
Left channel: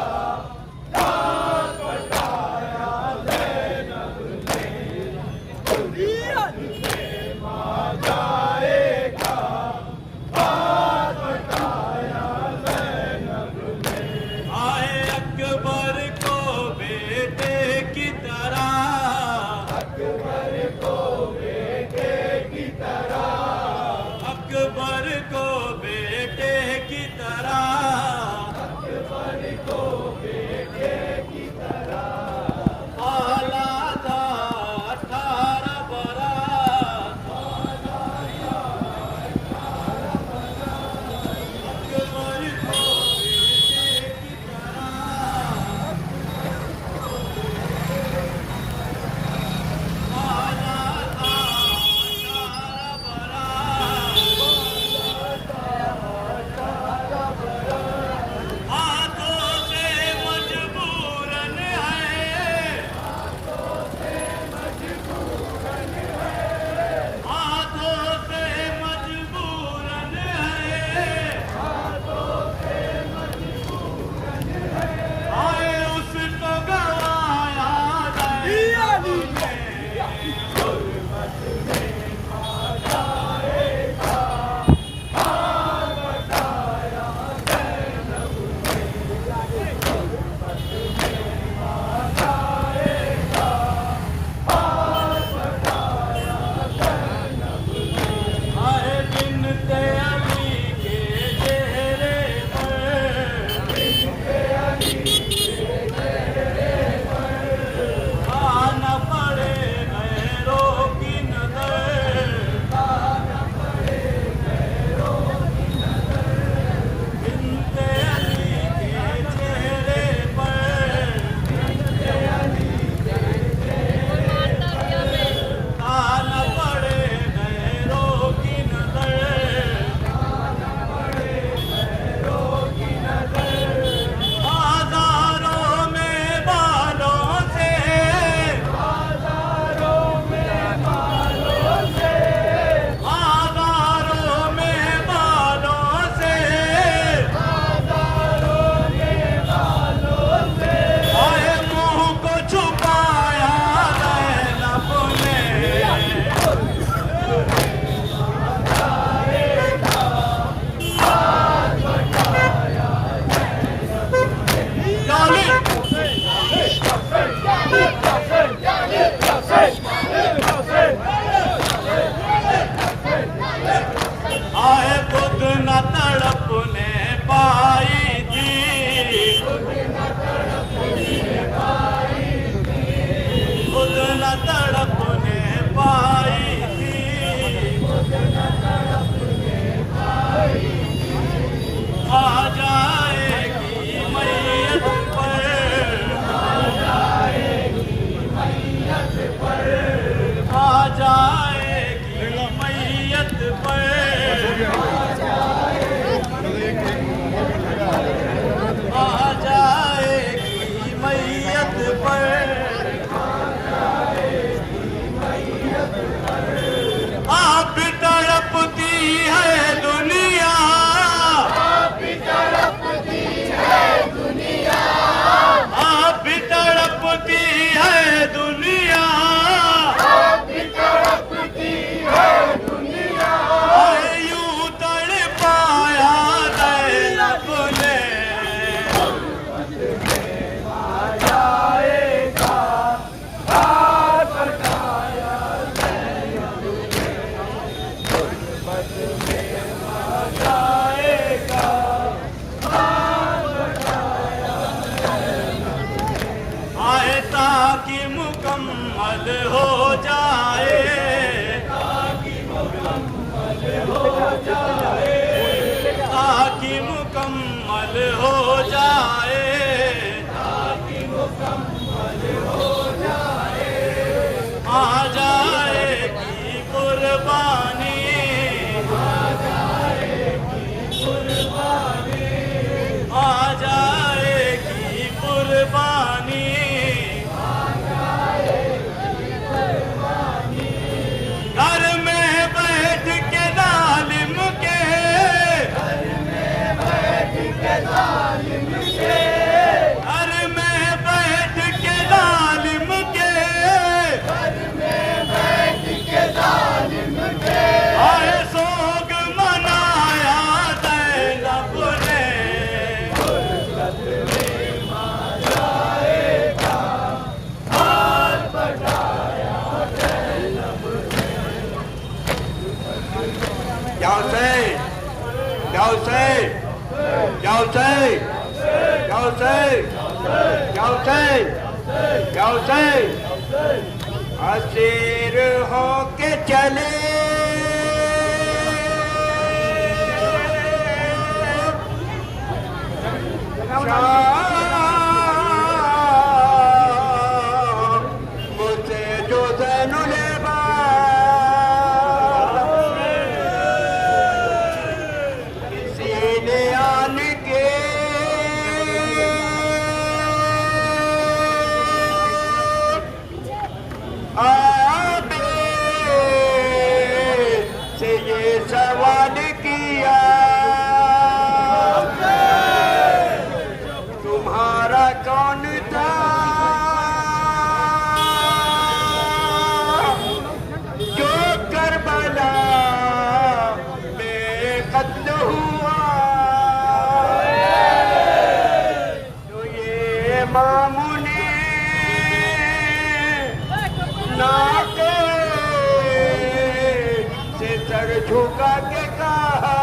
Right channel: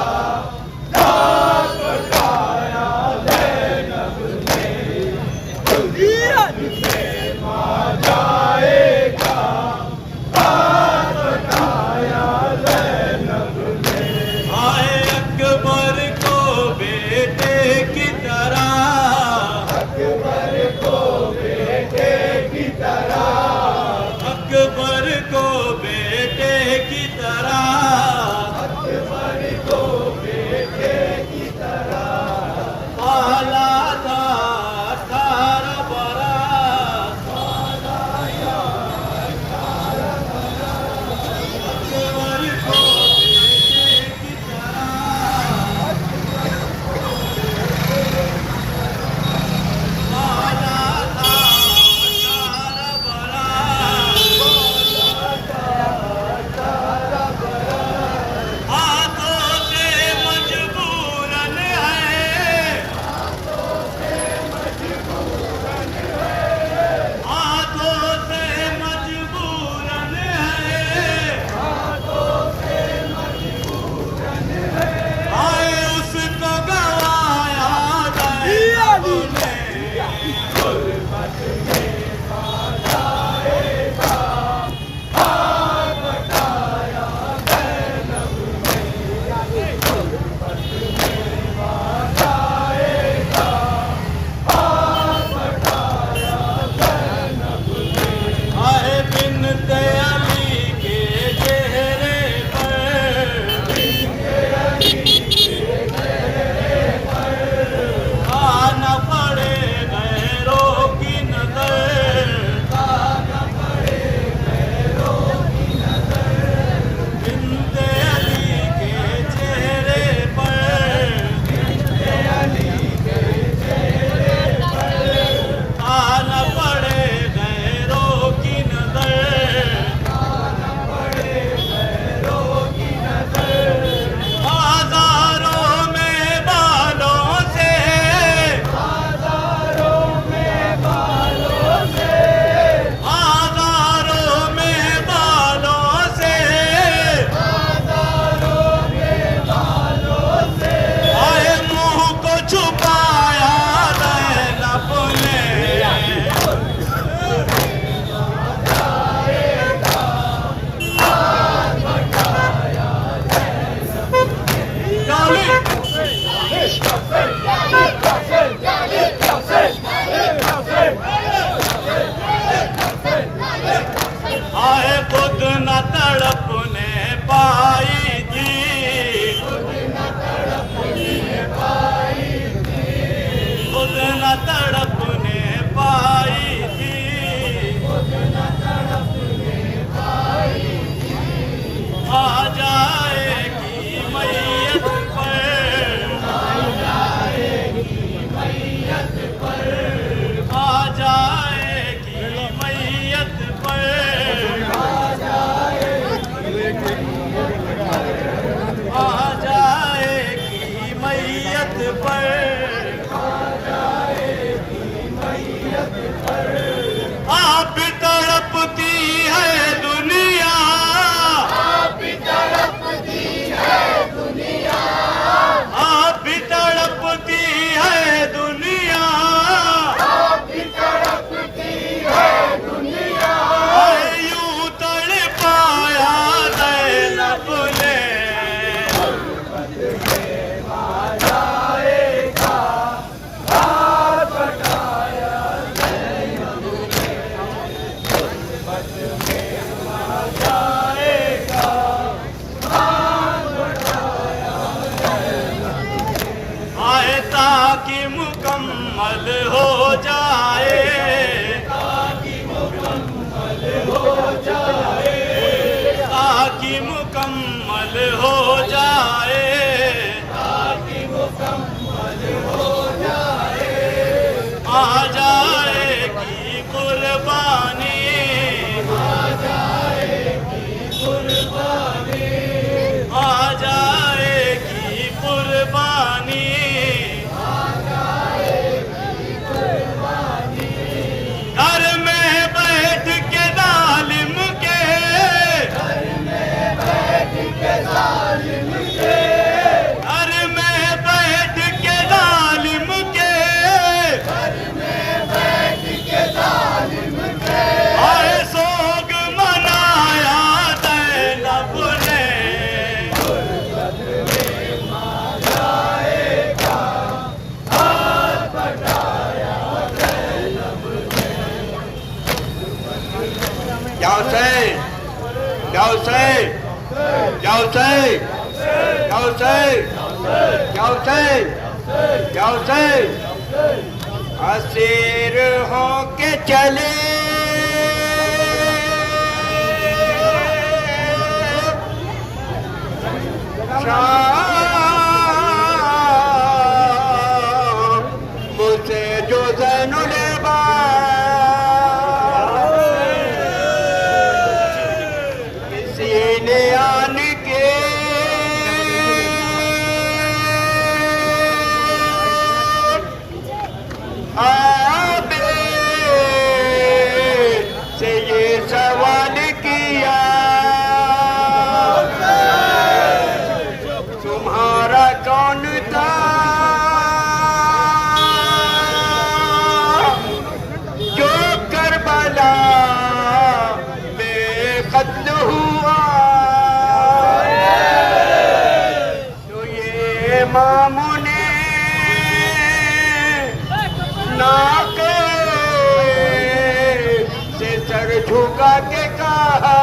दाग कटाया दैनब ने, गुर्बत में माँ जाएगा, दाग कटाया को बेटे की तरह, अकबर को बेटे की तरह पाला था 18 बरस, पालाया 18 बरस। अकबर को बेटे की तरह पाला था 18 बरस। हाथों से मजबूरन है, हाथों से मजबूरन है, आए उसको गवाया दैनब ने, गुर्बत में मां जाएगा, हार बटाया ज़ैनब ने। गुर्बत में मां जाएगा, हार बटाया ज़ैनब ने। आए बिनते अली के चेहरे पर, आना पड़े गैरों की नजर, बिनते अली के चेहरे पर, आना पड़े गैरों की नजर, बाजारों में बालों से, बाजारों में बालों से, बाजारों में बालों से, बाजारों में बालों से। ओए मुंह को छुपाया ज़ैनब ने, डाली आए खुद न तड़पने पाएगी, खुद न तड़पने पाएगी, आ जाएगी मैयत पर, आ जाएगी मैयत पर, आ जाएगी मैयत पर, आप तड़पती है दुनिया, आप तड़पती है दुनिया, आप तड़पती है दुनिया, तड़पती है दुनिया। यूं तड़पाया ज़ैनब ने, मां जाएगा, हार बटाया ज़ैनब ने। गुर्बत में मां जाएगा, हार बटाया ज़ैनब ने। आए ताकि मुकम्मल हो जाए, ताकि मुकम्मल हो जाए, ताकि मुकम्मल हो जाए, ताकि मुकम्मल हो जाए, आ जाएगी कुर्बानी, आ जाएगी कुर्बानी, आ जाएगी कुर्बानी, घर में बैठ के जालिम के, घर में बैठ के जालिम के, घर में बैठ के जालिम के, घर में बैठ के जालिम के। आए सोग मनाया ज़ैनब ने, गुर्बत में मां जाएगा, हार बटाया ज़ैनब ने। क्या से Hussein! Ya Hussein! Ya Hussein! Ya Hussein! Asir होके चले मुझसे जो ज़ैनुल किसी ने आन के आबे से ये सवाल किया तुम्हारा कौन था जो करबला में कत्ल हुआ तो ये मामूने नाके से सर झुका के कहा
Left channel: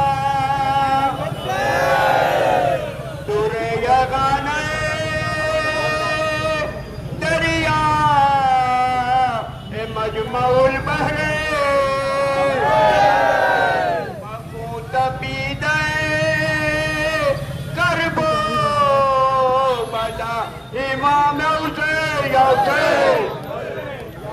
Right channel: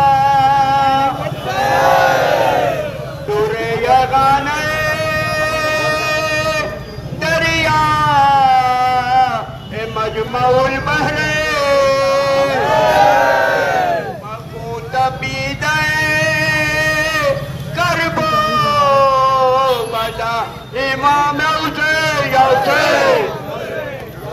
पूरे यगाने दरिया मजमउल बहरे मकूत बीदे करबो बदा इमाम हुसैन या हुसैन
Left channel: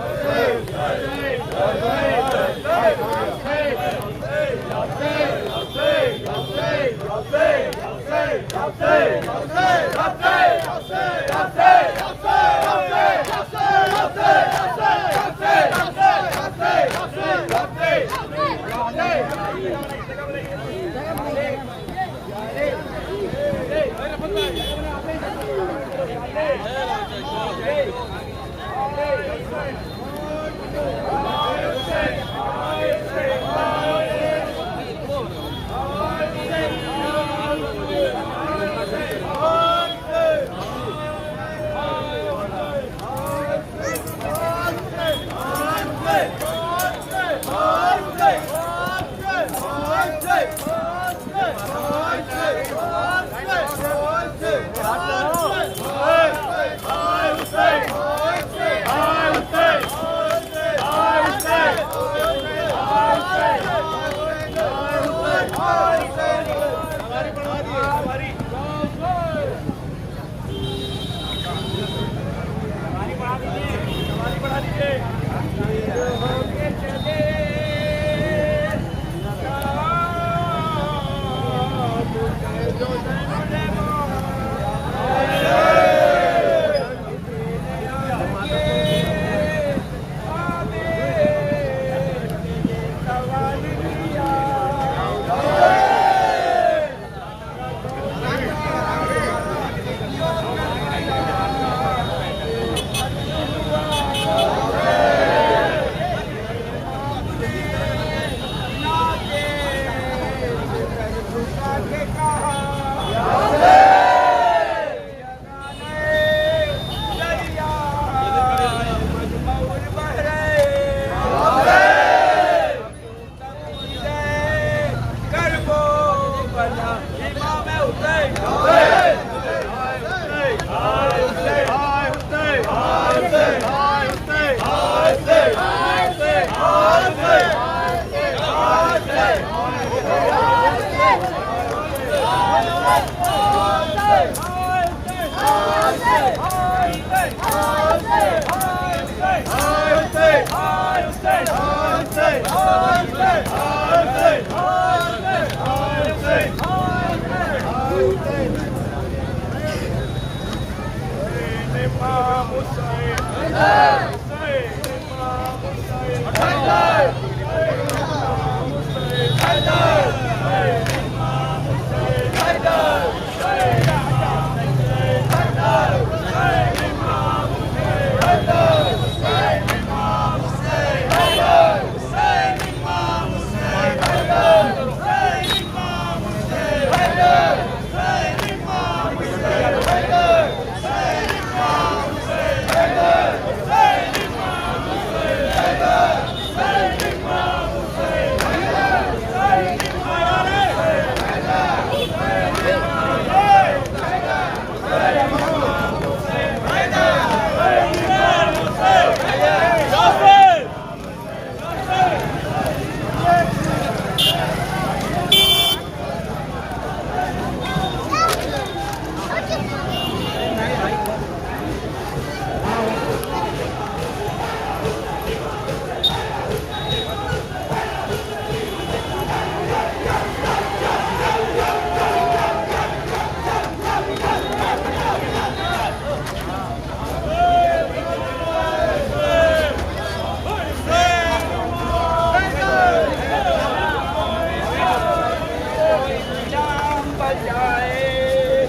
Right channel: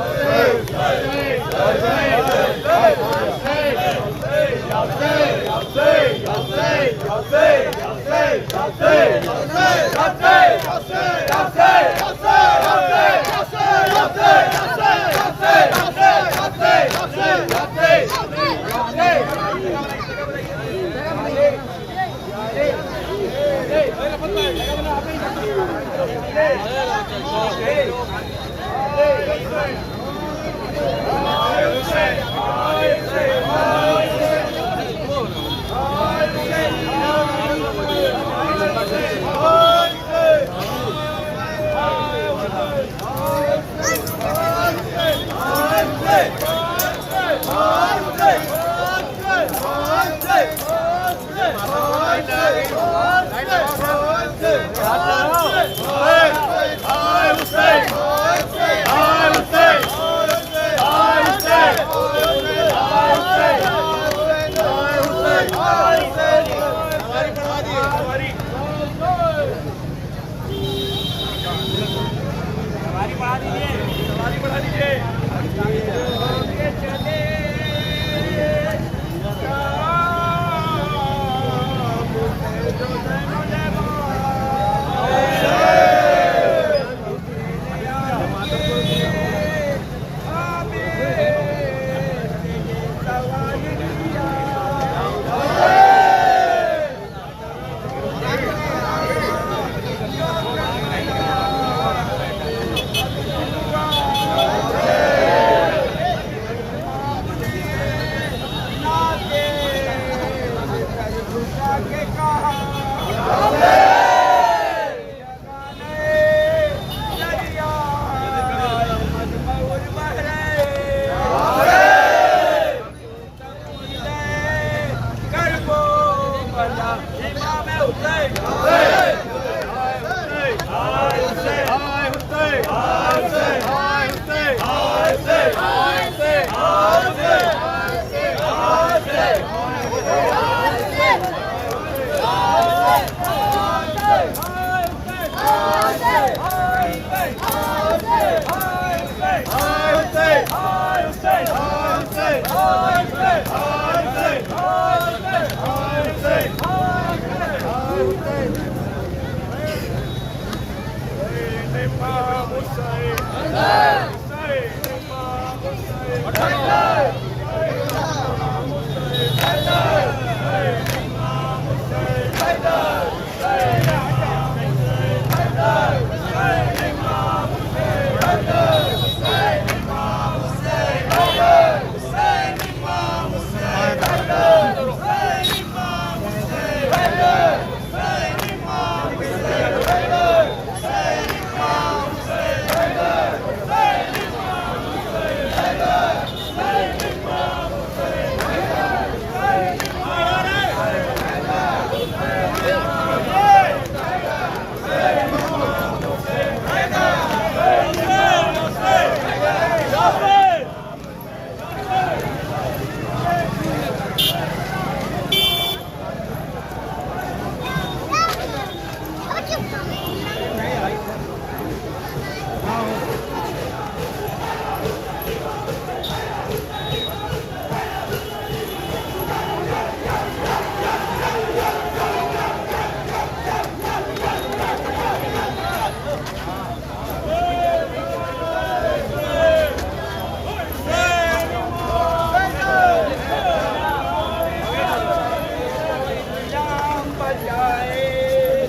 बचाए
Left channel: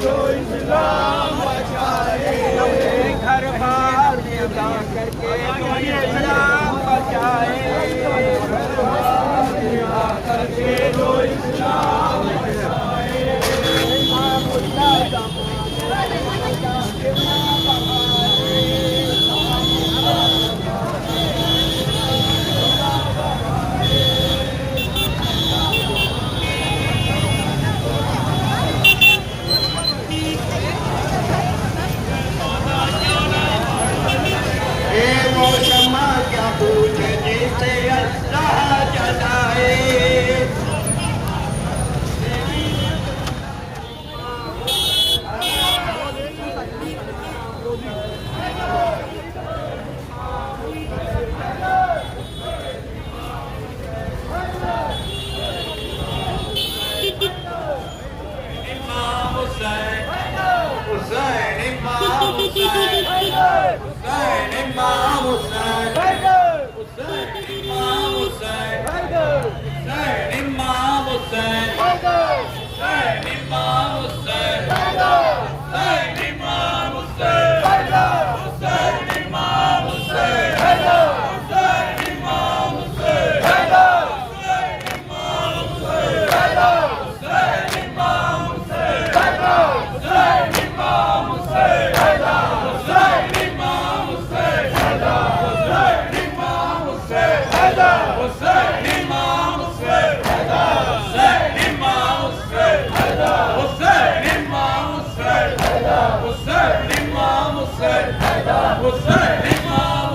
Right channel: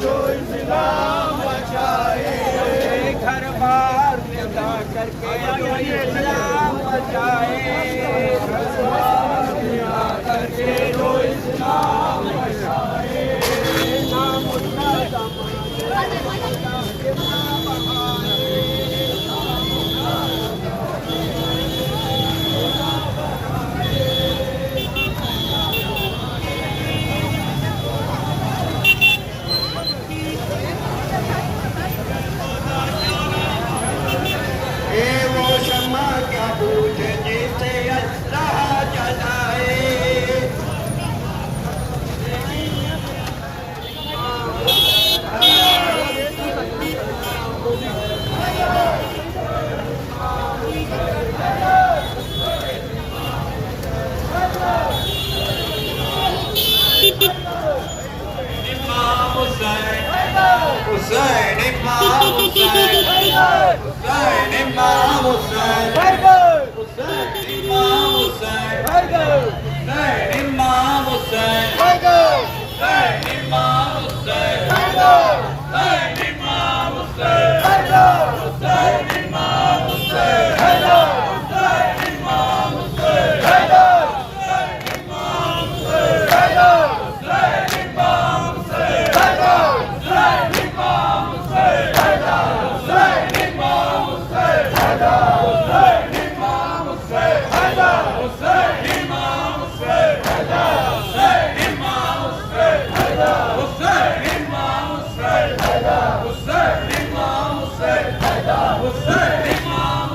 जो इस्लाम बचाए घर बार विदा करके जो इस्लाम बचाए करके जो इस्लाम बचाए वो शम्मा क्या पूछे जिसे अल्लाह जलाए इमाम हुसैन हुसैन इमाम हुसैन हुसैन इमाम हुसैन हुसैन इमाम हुसैन हुसैन इमाम हुसैन हुसैन इमाम हुसैन हुसैन इमाम हुसैन हुसैन इमाम हुसैन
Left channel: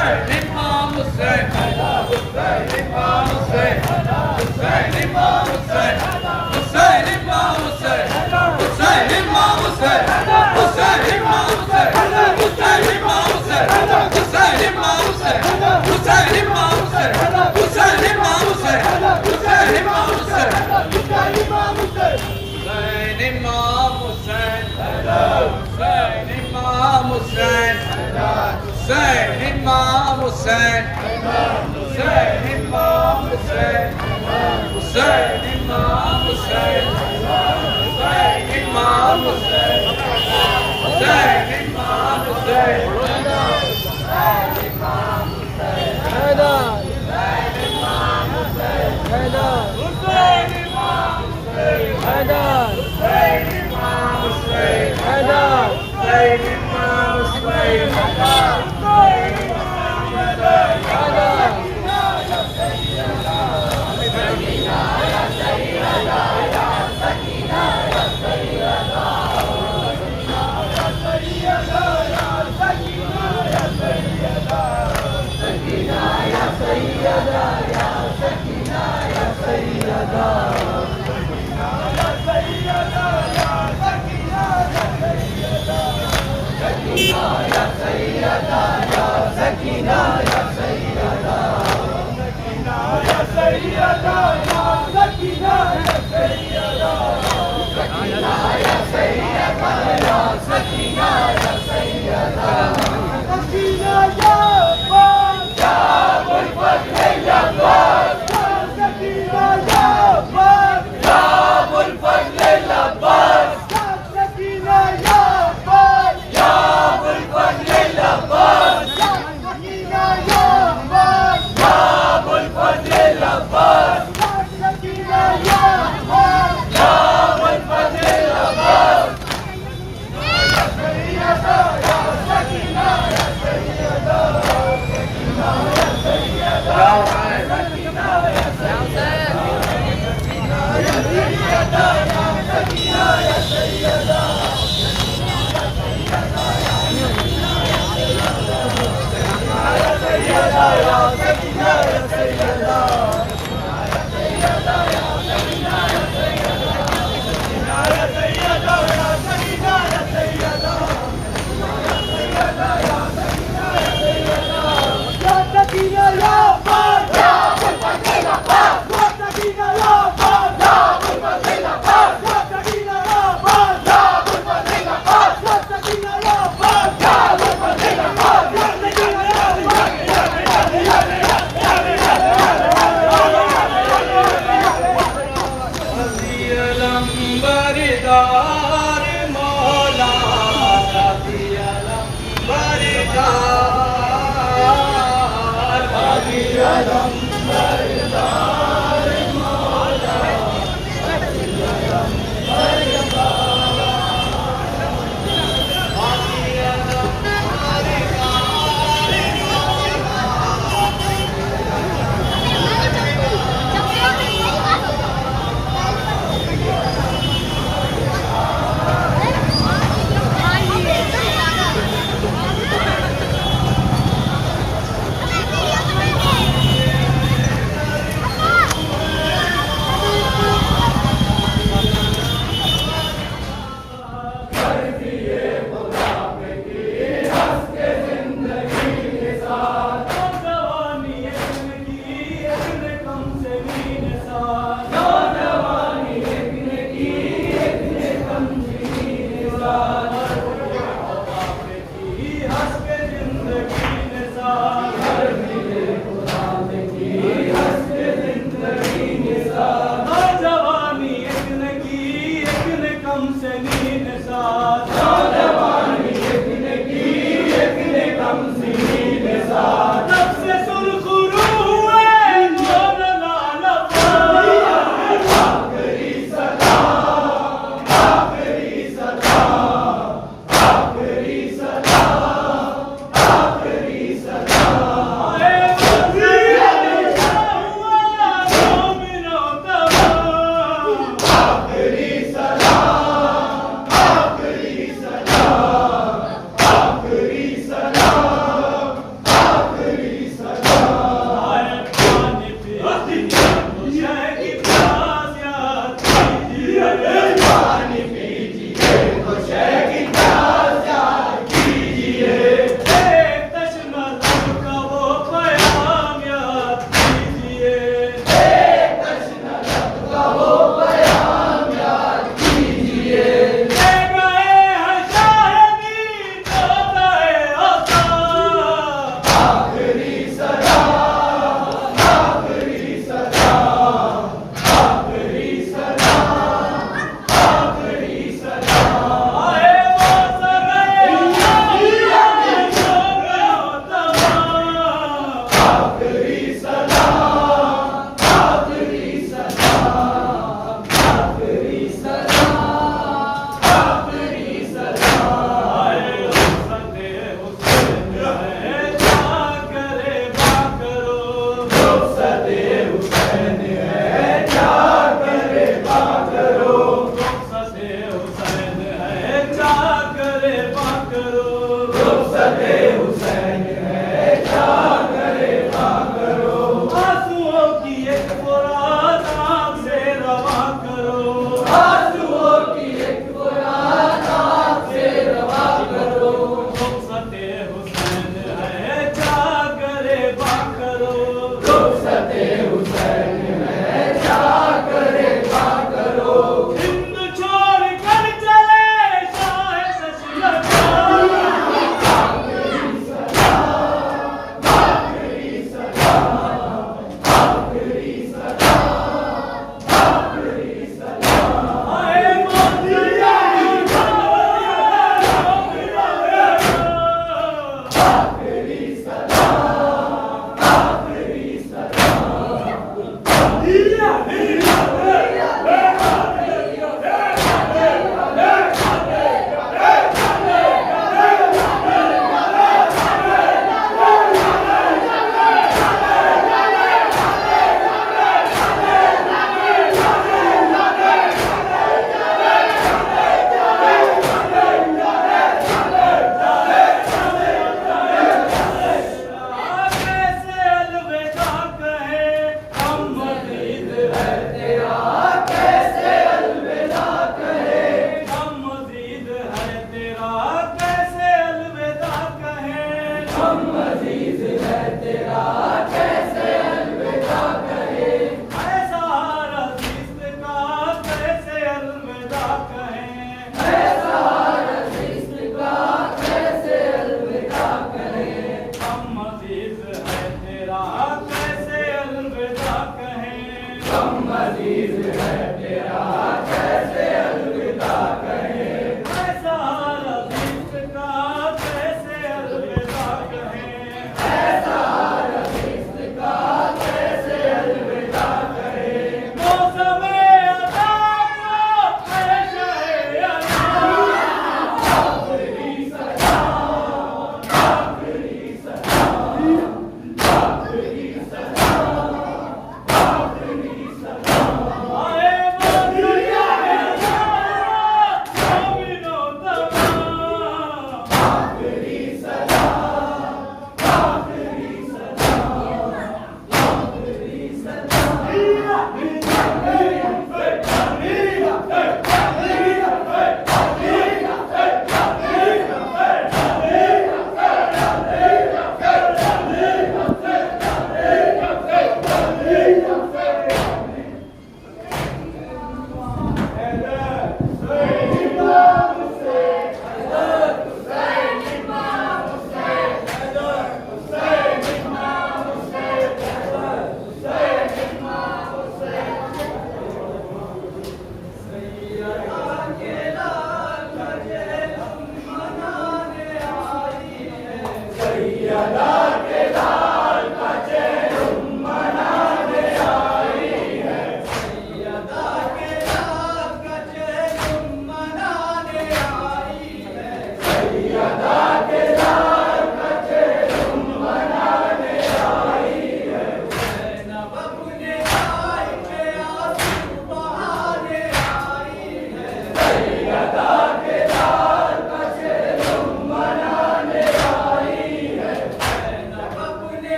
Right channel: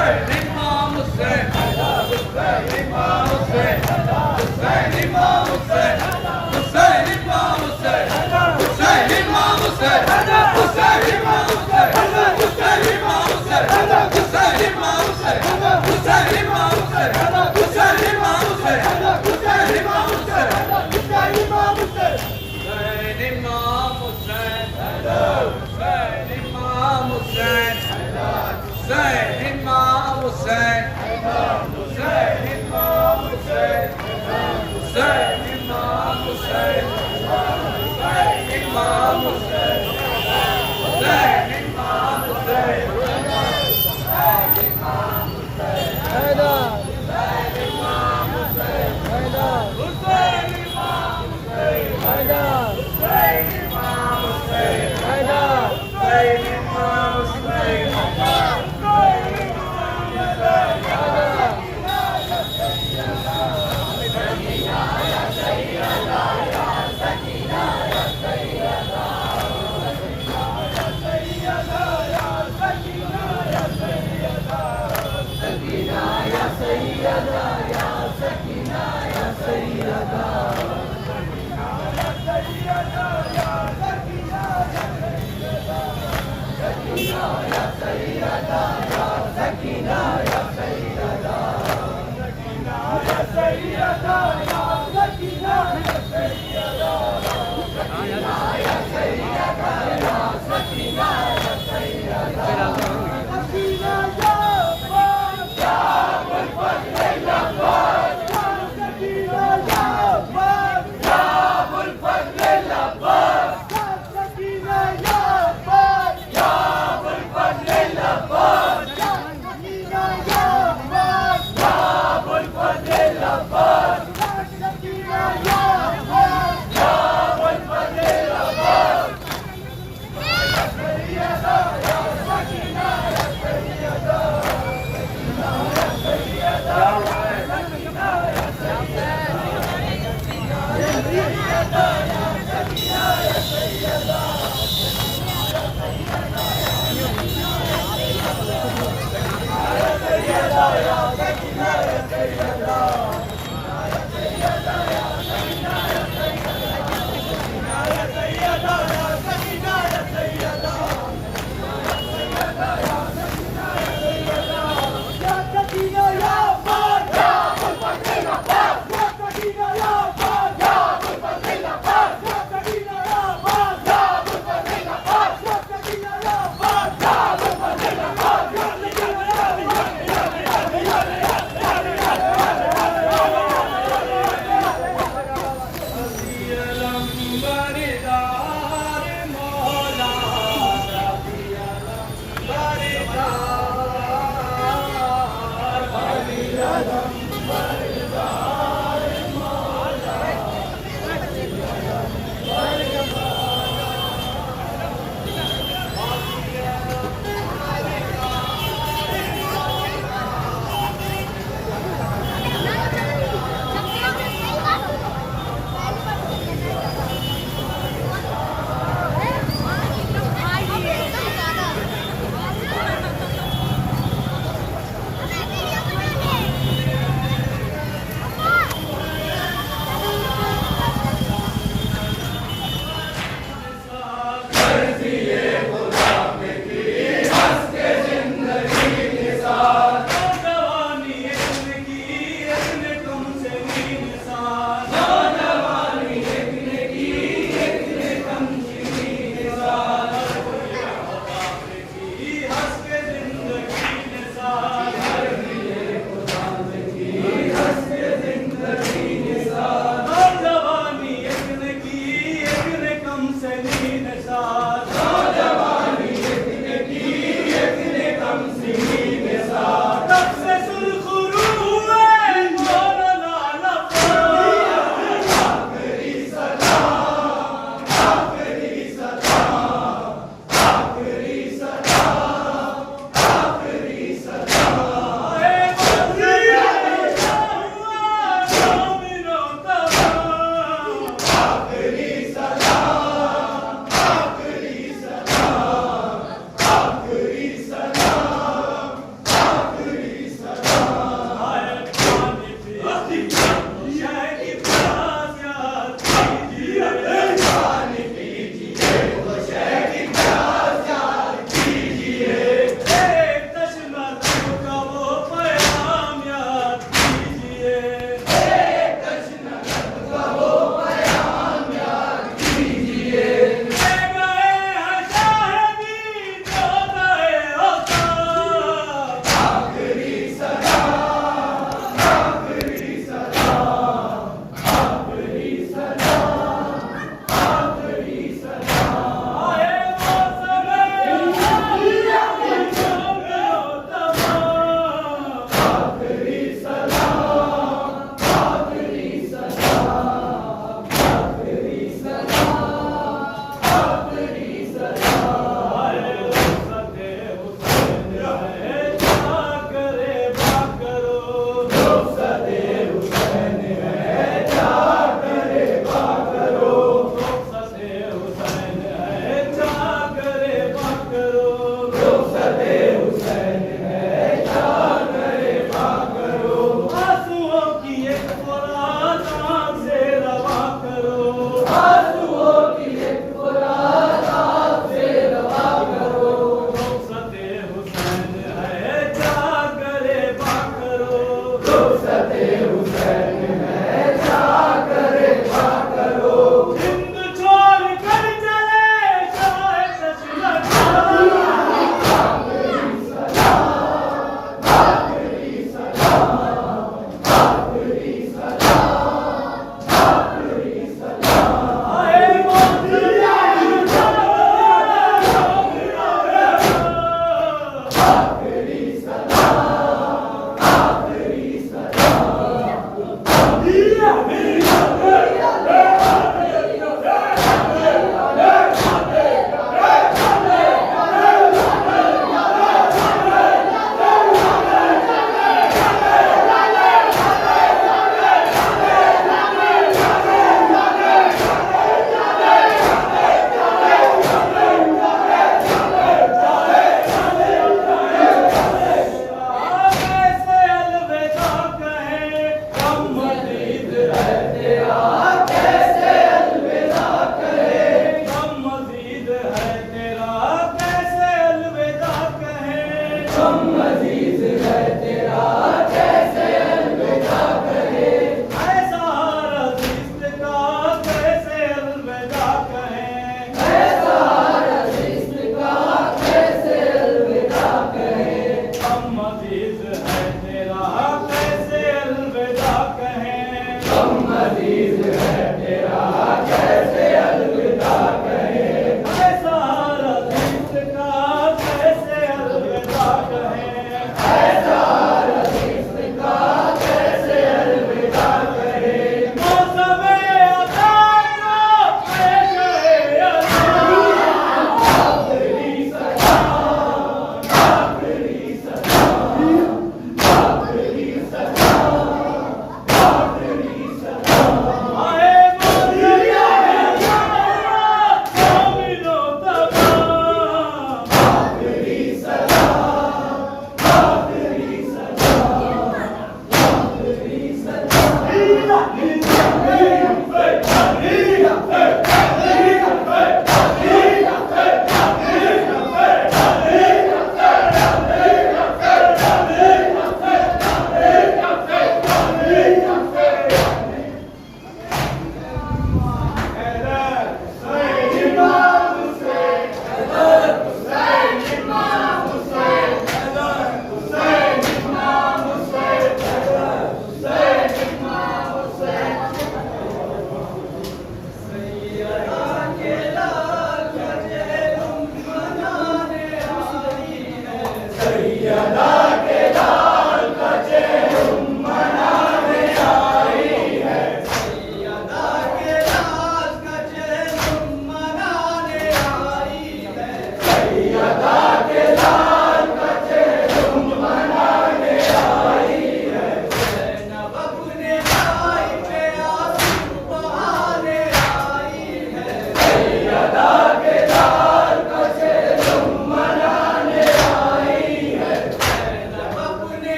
हुसैन इमाम हुसैन Abbas,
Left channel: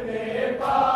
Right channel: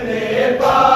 ने पाया